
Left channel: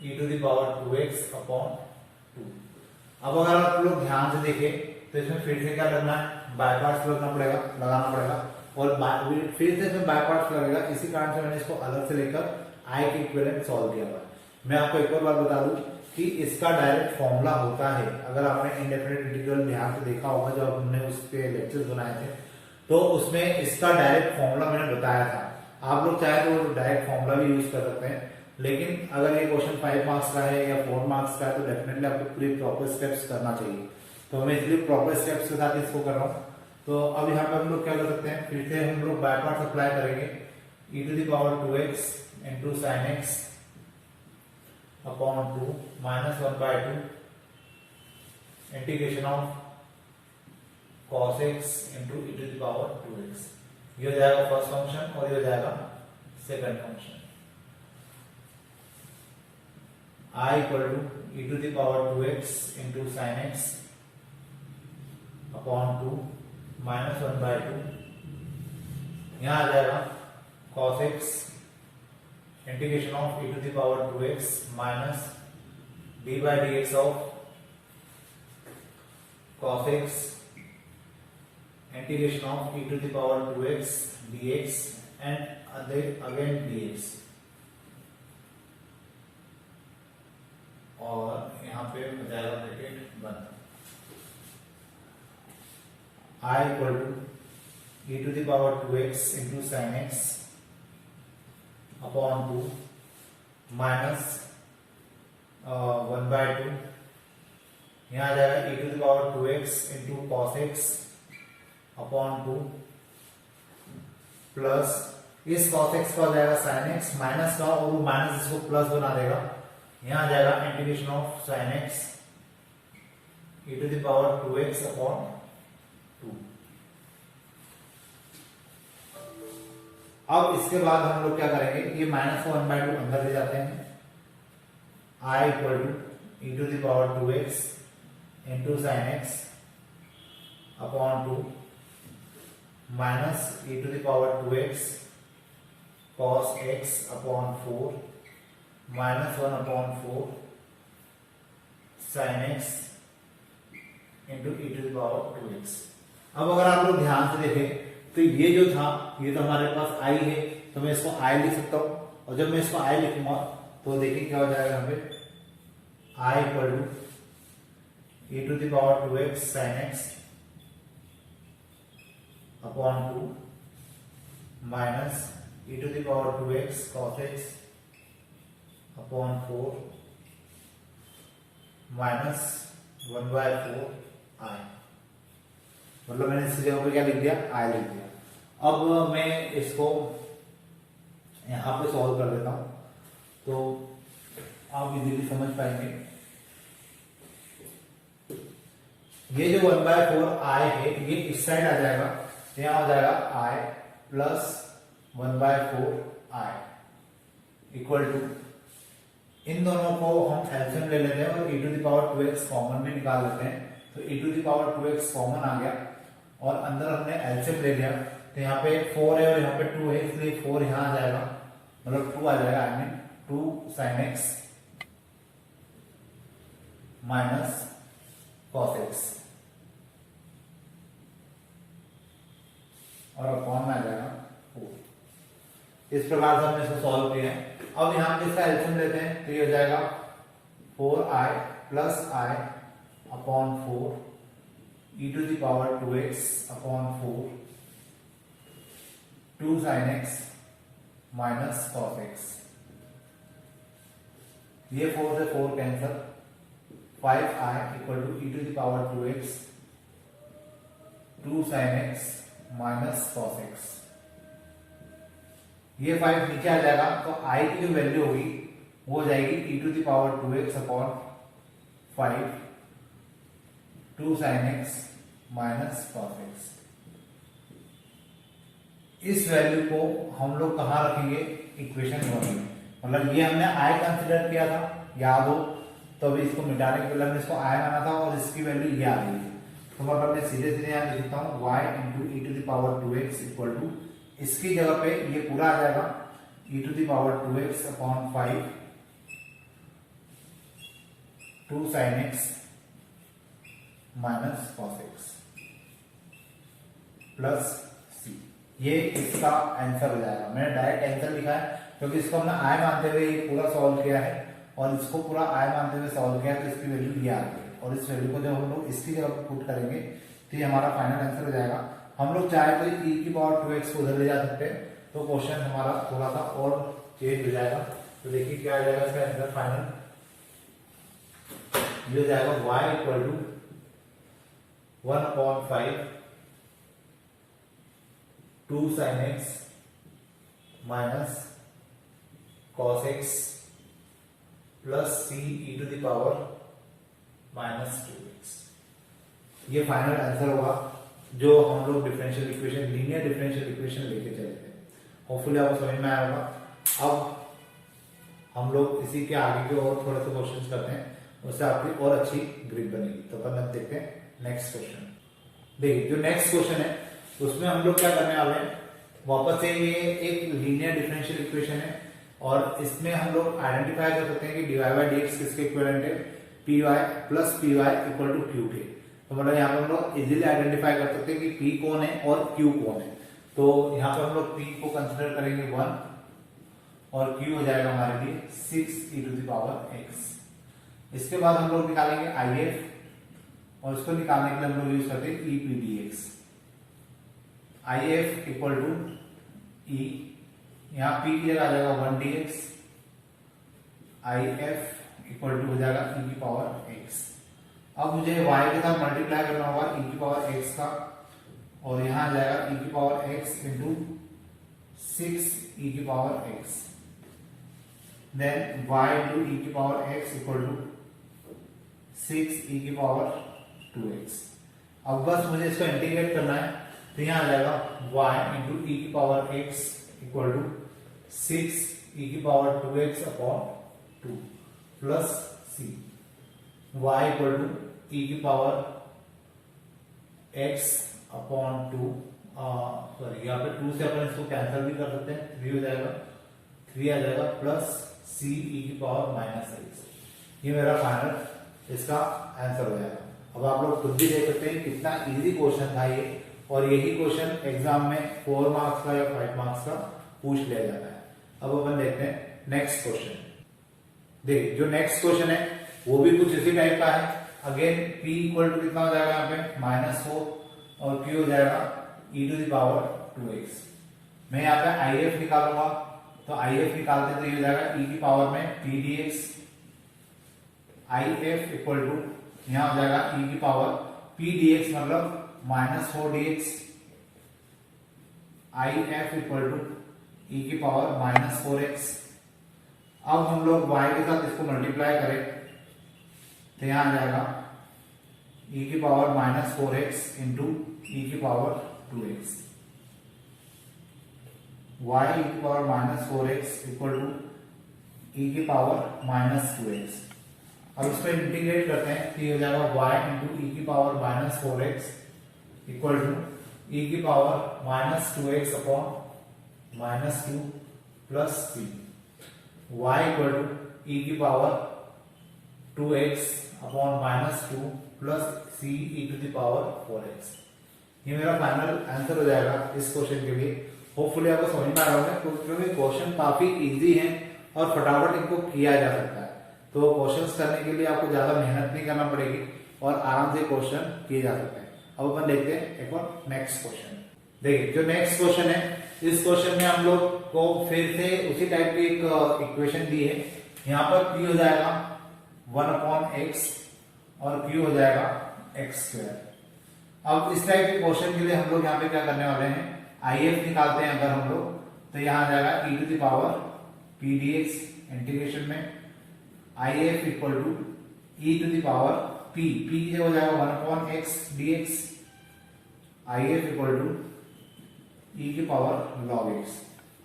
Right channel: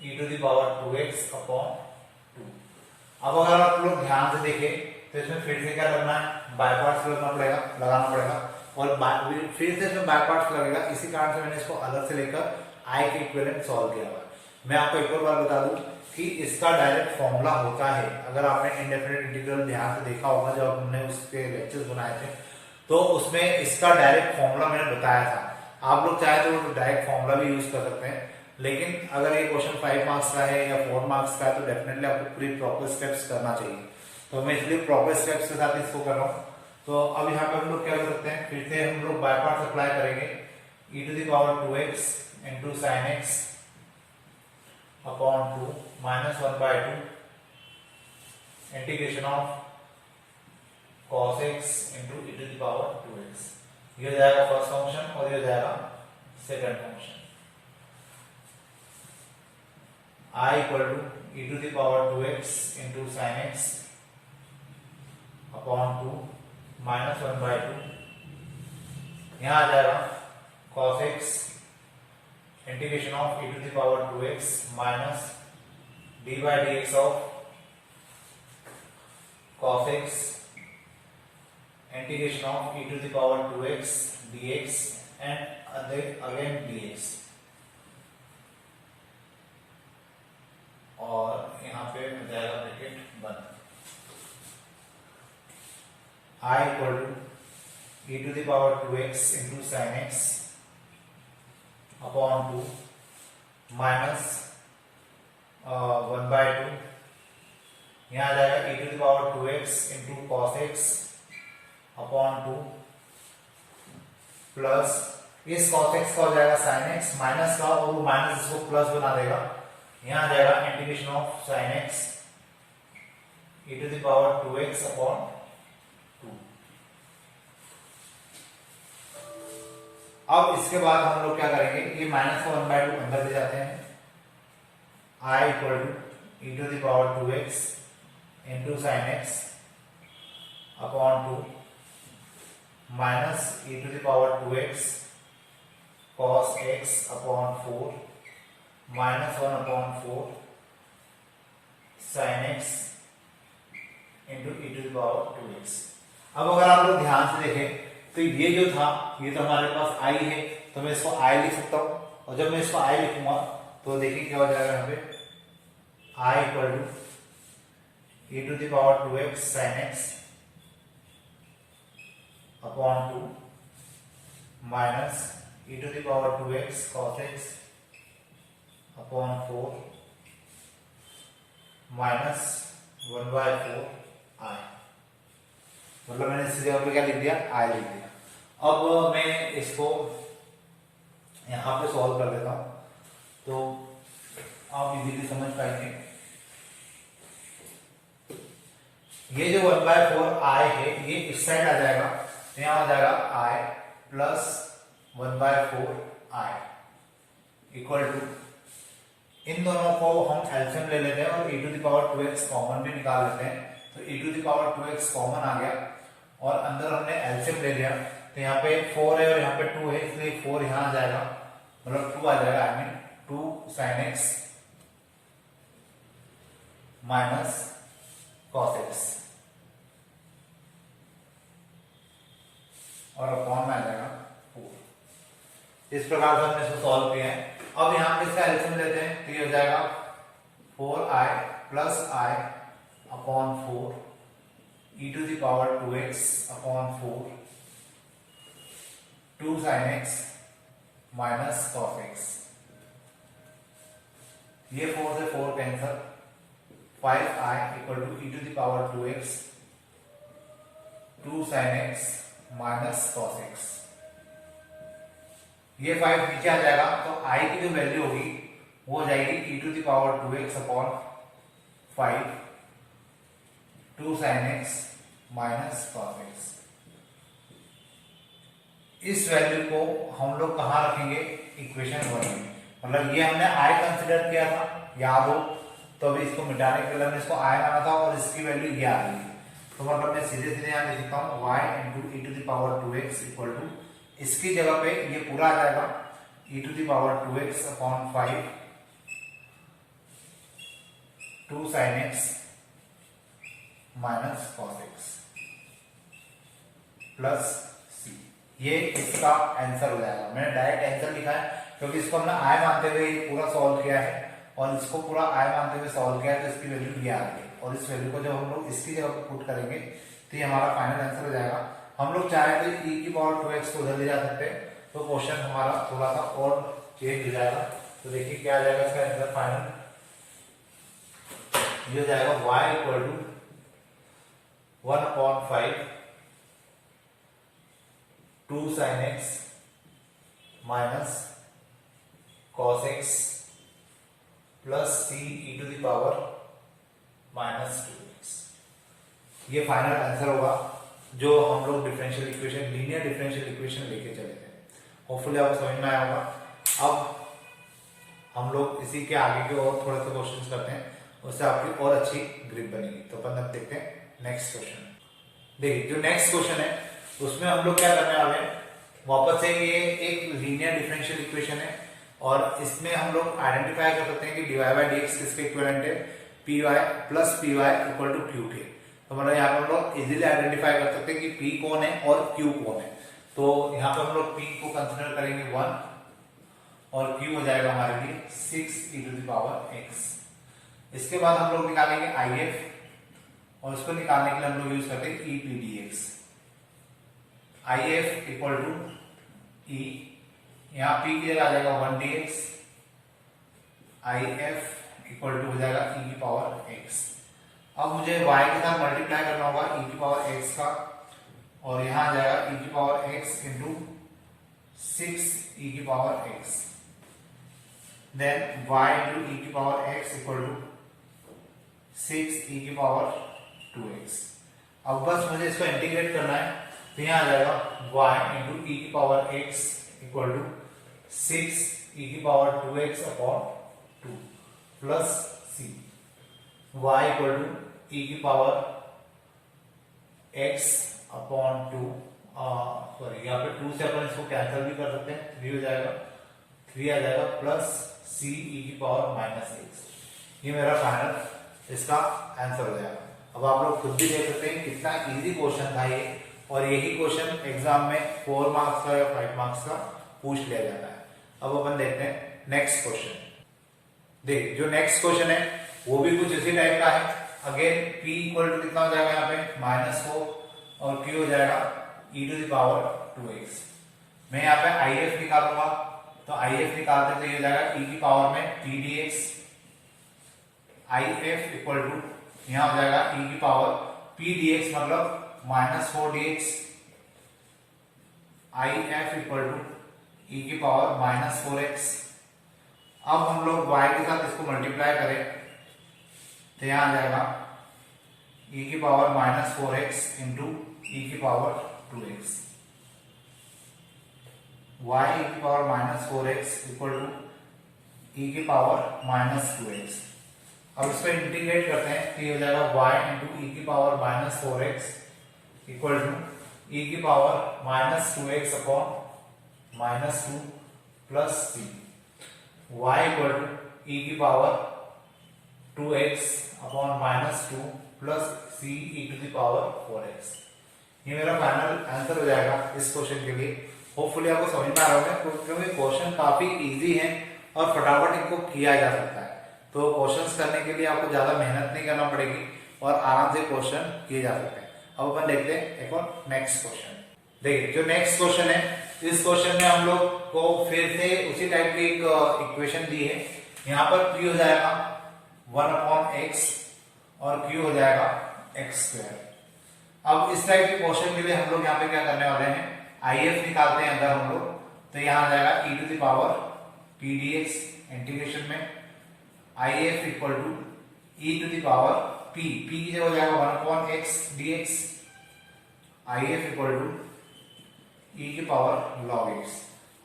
e to the power 2x upon 2। अब अगर आप लोग ध्यान से देखें तो इसमें फिर से क्या करना है, बाय पार्ट्स लगाना पड़ेगा और फिर से इसमें बाय पार्ट्स लगेगा। इसी कारण से मैंने इसको अलग से लेकर I के इक्विवेलेंट सॉल्व किया हुआ है। मैं आपको एक और बार बता दूं कि इसका डायरेक्ट फॉर्मूला होता है, अगर आपने इंडेफिनिट इंटीग्रल ध्यान से देखा होगा जब हमने उसके लेक्चर्स बनाए थे तो उसमें इसका डायरेक्ट फॉर्मूला मैंने बताया था। आप लोग चाहे तो डायरेक्ट फॉर्मूला भी यूज कर सकते हैं, लेकिन अगर ये क्वेश्चन 5 मार्क्स का है या 4 मार्क्स का है तो डेफिनेटली आपको पूरी प्रॉपर स्टेप्स करना चाहिए। तो मैं इसलिए प्रॉपर स्टेप्स के साथ इसको कर रहा हूँ। तो अब यहाँ पे हम लोग क्या कर सकते हैं, फिर से हम लोग बाय पार्ट्स अप्लाई करेंगे। e to the power 2x into sine x upon 2 minus 1/2 integration of cos x into e to the power 2x। ये हो जाएगा फर्स्ट फंक्शन और ये हो जाएगा second function. I equal to e to the power 2x into sine x upon 2 minus 1/2 यहां आ जाएगा cos x integration of e to the power 2x minus dy dx of cos x integration of e to the power 2x dx and again dx और यहां पे हो जाएगा ब्रैकेट बंद। I equal to e to the power 2x into sine x upon 2 minus 1/2 यहां आ जाएगा e to the power 2x into cos x upon 2 plus इस cos x का हो जाएगा sin x माइनस का और वो माइनस इसको प्लस बना देगा। यहां आ जाएगा integration of sin x e to the power 2x upon 2। अब इसके बाद हम लोग क्या करेंगे, ये माइनस को 1/2 अंदर ले जाते हैं। I equal to e to the power 2x into sine x upon 2 minus e to the power 2x cos x upon 4 minus 1 upon 4 sin x into e to the power 2x। अब अगर आप लोग ध्यान से देखें तो ये जो था ये तो हमारे पास I है, तो मैं इसको I लिख सकता हूं और जब मैं इसको I लिखूंगा तो देखिए क्या हो जाएगा यहाँ पे I equal to e to the power 2x sin x upon 2 minus e to the power 2x cos x upon 4 minus 1/4 I। मतलब मैंने इस जगह पे क्या लिख दिया, I लिख दिया। अब मैं इसको यहां पे सॉल्व कर देता हूं तो आप इजीली समझ पाएंगे। ये जो 1/4 I है ये इस साइड आ जाएगा, तो यहां आ जाएगा I plus 1/4 I equal to इन दोनों को हम एलसीएम ले लेते हैं और e to the power 2x common भी निकाल लेते हैं। तो e to the power 2x common आ गया और अंदर हमने एलसीएम ले लिया, तो यहाँ पे 4 है और यहाँ पे 2 है, इसलिए 4 यहाँ आ जाएगा, मतलब 2 आ जाएगा। I mean 2 sin x minus cos x और अपॉन में आ जाएगा 4। इस प्रकार से हमने इसको सॉल्व किया है। अब यहाँ पे इसका एलसीएम लेते हैं तो ये हो जाएगा 4i plus i upon 4 e to the power 2x upon 4 2 sin x minus cos x। ये 4 से 4 cancel, 5i equal to e to the power 2x 2 sin x minus cos x। ये 5 नीचे आ जाएगा तो i की जो वैल्यू होगी वो हो जाएगी e to the power 2x upon 5 2 sin x minus cos x। इस वैल्यू को हम लोग कहाँ रखेंगे, इक्वेशन 1 में। मतलब ये हमने i कंसिडर किया था, याद हो तो अभी इसको मिटाने के लिए हमने इसको i माना था और इसकी वैल्यू ये आ गई थी। तो मतलब मैं सीधे सीधे यहाँ लिख सकता हूँ y into E to the power 2x equal to, इसकी जगह पे ये पूरा आ जाएगा e to the power 2x upon 5 2 sin x minus cos x plus c। ये इसका आंसर हो जाएगा। मैंने डायरेक्ट आंसर लिखा है क्योंकि इसको हमने i मानते हुए ये पूरा सॉल्व किया है और इसको पूरा i मानते हुए सॉल्व किया है, तो इसकी वैल्यू ये आ गई और इस वैल्यू को जब हम लोग इसकी जगह पर पुट करेंगे तो ये हमारा फाइनल आंसर हो जाएगा। हम लोग चाहे तो e की पावर 2x को उधर ले जा सकते हैं, तो क्वेश्चन हमारा थोड़ा सा और चेंज हो जाएगा। तो देखिए क्या आ जाएगा इसका आंसर फाइनल, ये हो जाएगा y equal to 1 upon 5 2 sin x minus cos x plus c e to the power minus 2x। ये फाइनल आंसर होगा जो हम लोग differential equation, linear differential equation लेके चले थे। होपफुली आपको समझ में आया होगा। अब हम लोग इसी के आगे के और थोड़े से क्वेश्चंस करते हैं, उससे आपकी और अच्छी ग्रिप बनेगी। तो अपन अब देखते हैं नेक्स्ट क्वेश्चन। देखिए जो नेक्स्ट क्वेश्चन है उसमें हम लोग क्या करने वाले हैं, वापस से ये एक लीनियर डिफरेंशियल इक्वेशन है और इसमें हम लोग आइडेंटिफाई कर सकते हैं कि dy बाई dx किसके इक्विवेलेंट है, py plus py equal to q थे। तो मतलब यहाँ पर हम लोग इजीली आइडेंटिफाई कर सकते हैं कि p कौन है और q कौन है। तो यहाँ पर हम लोग p को कंसिडर करेंगे 1 और q हो जाएगा हमारे लिए 6 e to the power x। इसके बाद हम लोग निकालेंगे if और इसको निकालने के लिए हम लोग यूज करते हैं e p dx। if equal to e, यहाँ p की जगह आ जाएगा 1 dx, if इक्वल टू हो जाएगा e की पावर x। अब मुझे y के साथ मल्टीप्लाई करना होगा e की पावर x का और यहाँ आ जाएगा e की पावर x इंटू 6 e की power x, then y into e की power x equal to 6 e की पावर 2x। अब बस मुझे इसको इंटीग्रेट करना है, तो यहाँ आ जाएगा y इंटू e की power x equal to 6 e की power 2x upon 2 plus c, y equal to e की पावर x अपॉन 2, सॉरी यहाँ पे 2 से अपन इसको कैंसिल भी कर सकते हैं, 3 हो जाएगा, 3 आ जाएगा प्लस c e की पावर माइनस x। ये मेरा फाइनल इसका आंसर हो जाएगा। अब आप लोग खुद भी देख सकते हैं कितना इजी क्वेश्चन था ये, और यही क्वेश्चन एग्जाम में 4 मार्क्स का या 5 मार्क्स का पूछ लिया जाता है। अब अपन देखते हैं नेक्स्ट क्वेश्चन। देख जो नेक्स्ट क्वेश्चन है वो भी कुछ इसी टाइप का है। अगेन p इक्वल टू कितना हो जाएगा यहाँ पे -4 और q हो जाएगा e to the power 2x। मैं यहाँ पे if निकालूंगा, तो if निकालते तो ये हो जाएगा e की पावर में p dx। if equal to यहाँ हो जाएगा e की पावर p dx मतलब -4 dx। if equal to e की पावर -4x। अब हम लोग y के साथ इसको मल्टीप्लाई करें तो यहाँ आ जाएगा e की पावर -4x इंटू e की पावर 2x। y e की power -4x equal to e की पावर -2x। अब इसको इंटीग्रेट करते हैं तो ये हो जाएगा y इंटू e की power -4x equal to e की power -2x upon -2 plus c, y equal to e की power 2x upon -2 plus c e to the power 4x। ये मेरा फाइनल आंसर हो जाएगा इस क्वेश्चन के लिए। होपफुली आपको समझ में आ रहा होगा क्योंकि क्वेश्चन काफी इजी है और फटाफट इनको किया जा सकता है। तो क्वेश्चंस करने के लिए आपको ज्यादा मेहनत नहीं करना पड़ेगी और आराम से क्वेश्चन किए जा सकते हैं। अब अपन देखते हैं एक और नेक्स्ट क्वेश्चन। देखिए जो नेक्स्ट क्वेश्चन है इस क्वेश्चन में हम लोग को फिर से उसी टाइप की एक इक्वेशन दी है। यहाँ पर p हो जाएगा 1/x और q हो जाएगा x²। अब इस टाइप के क्वेश्चन के लिए हम लोग यहाँ पे क्या करने वाले हैं, IF निकालते हैं अगर हम लोग, तो यहाँ आ जाएगा e to the power p dx integration में IF equal to e to the power p की जगह हो जाएगा 1/x dx IF equal to e की पावर log x।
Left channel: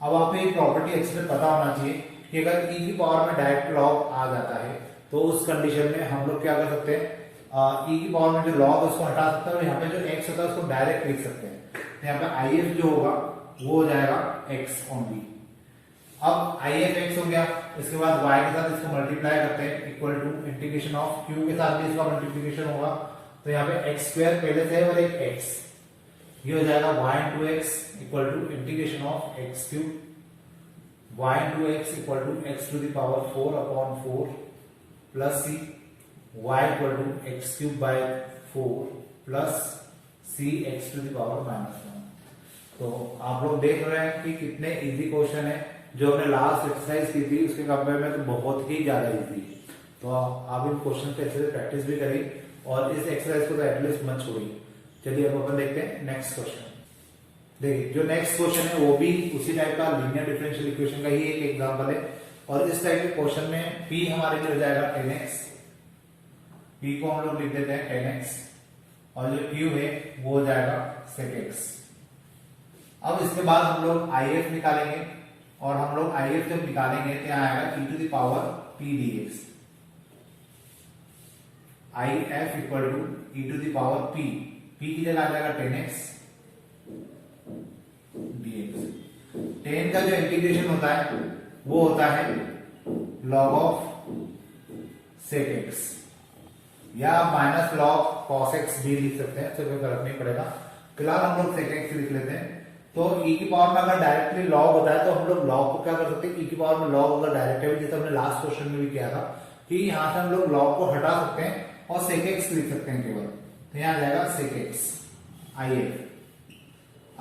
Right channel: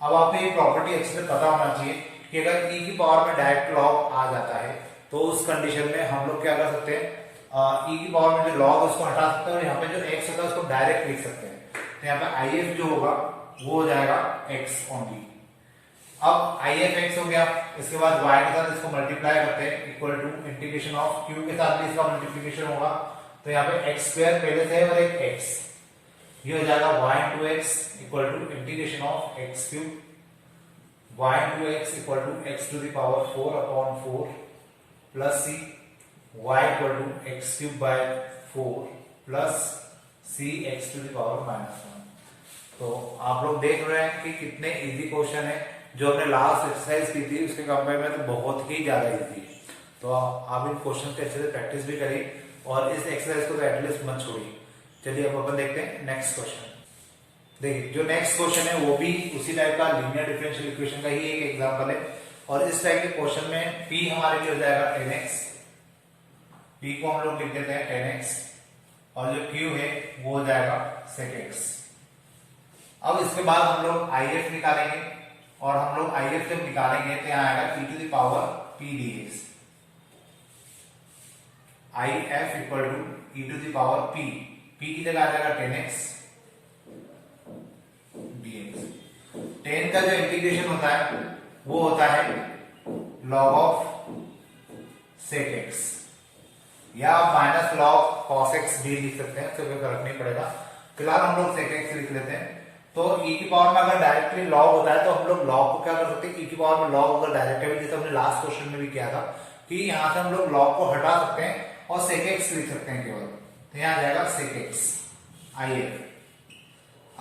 अब आपको ये प्रॉपर्टी अच्छे से पता होना चाहिए कि अगर e की पावर में डायरेक्ट log आ जाता है तो उस कंडीशन में हम लोग क्या कर सकते हैं, e की पावर में जो log है उसको हटा सकते हैं और यहाँ पे जो x होता है उसको डायरेक्ट लिख सकते हैं। तो यहाँ पे IF जो होगा वो हो जाएगा x ओनली। अब IF x हो गया, इसके बाद y के साथ इसको मल्टीप्लाई करते हैं equal to integration of q के साथ भी इसका मल्टीप्लिकेशन होगा। तो यहाँ पे x² पहले से और एक x, ये हो जाएगा y into x equal to integration of x³ y into x equal to x to the power 4/4 plus c y equal to x³ by 4 plus c x to the power -1। तो आप लोग देख रहे हैं कि कितने इजी क्वेश्चन है, जो हमने लास्ट एक्सरसाइज की थी उसके कंपेयर में तो बहुत ही ज्यादा इजी है। तो आप इन क्वेश्चन के अच्छे से प्रैक्टिस भी करिए और इस एक्सरसाइज को तो एटलीस्ट मत छोड़िए। चलिए अब अपन देखते हैं नेक्स्ट क्वेश्चन। देखिए जो नेक्स्ट क्वेश्चन है वो भी उसी टाइप का लीनियर डिफरेंशियल इक्वेशन का ही एक एग्जांपल है और इस टाइप के क्वेश्चन में p हमारे लिए हो जाएगा 10x, p को हम लोग लिख देते हैं 10x और जो q है वो हो जाएगा sec x। अब इसके बाद हम लोग IF निकालेंगे और हम लोग IF जब निकालेंगे तो यहाँ आएगा e to the power p dx IF equal to e to the power p की जगह आ जाएगा 10x dx। 10 का जो इंटीग्रेशन होता है वो होता है log ऑफ sec x या माइनस log cos x भी लिख सकते हैं, तो कोई फर्क नहीं पड़ेगा। फिलहाल हम लोग sec x लिख लेते हैं। तो e की पावर में अगर डायरेक्टली log होता है तो हम लोग log को क्या कर सकते हैं, e की पावर में log अगर डायरेक्ट है जैसे हमने लास्ट क्वेश्चन में भी किया था कि यहाँ से हम लोग log को हटा सकते हैं और sec x लिख सकते हैं केवल। तो यहाँ आ जाएगा sec x IF।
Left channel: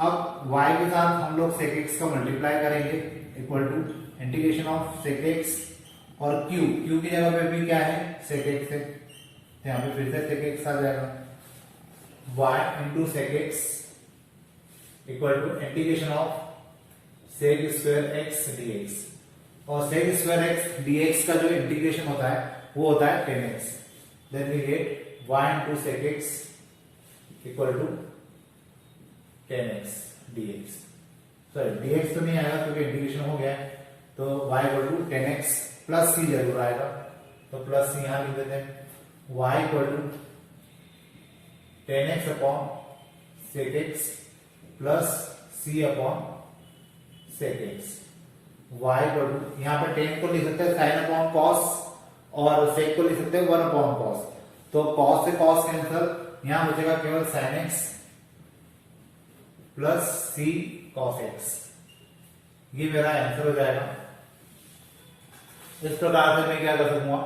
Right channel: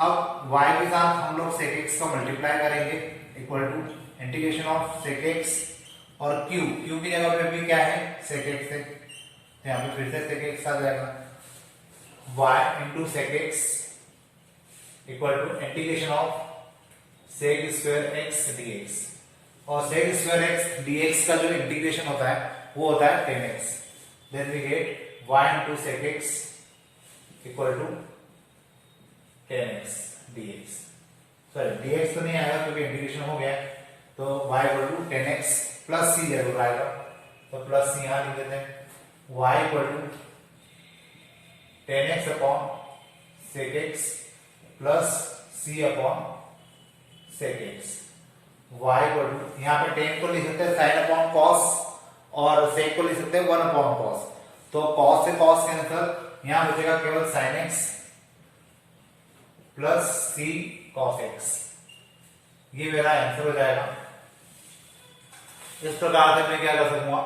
अब y के साथ हम लोग sec x का मल्टीप्लाई करेंगे equal to integration of sec x और q की जगह पे भी क्या है sec x है, तो यहाँ पे फिर से sec x आ जाएगा y into sec x equal to integration of sec square x dx और sec स्क्वायर x dx का जो इंटीग्रेशन होता है वो होता है 10x। Then we get y into sec x equal to 10x dx। Sorry dx तो नहीं आएगा क्योंकि इंटीग्रेशन हो गया है, तो y equal to 10x plus c जरूर आएगा, तो प्लस c यहां लिख देते हैं। y equal to 10x upon sec x plus c upon sec x। y equal to यहाँ पे 10 को लिख सकते हैं sin अपॉन cos और sec को लिख सकते हैं 1 अपॉन cos। तो cos से cos कैंसिल, यहां बचेगा केवल sin x plus c cos x। ये मेरा आंसर हो जाएगा। इस प्रकार से मैं क्या कर सकूंगा,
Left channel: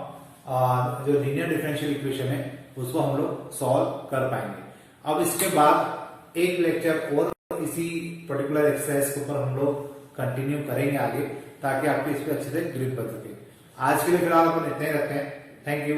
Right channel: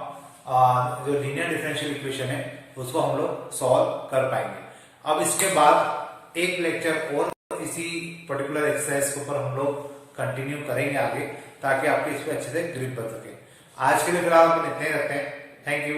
जो लीनियर डिफरेंशियल इक्वेशन है उसको हम लोग सॉल्व कर पाएंगे। अब इसके बाद एक लेक्चर और इसी पर्टिकुलर एक्सरसाइज के ऊपर हम लोग कंटिन्यू करेंगे आगे, ताकि आपके इस पे अच्छे से ग्रिप बन सके। आज के लिए फिलहाल अपन इतने ही रखते हैं। Thank you.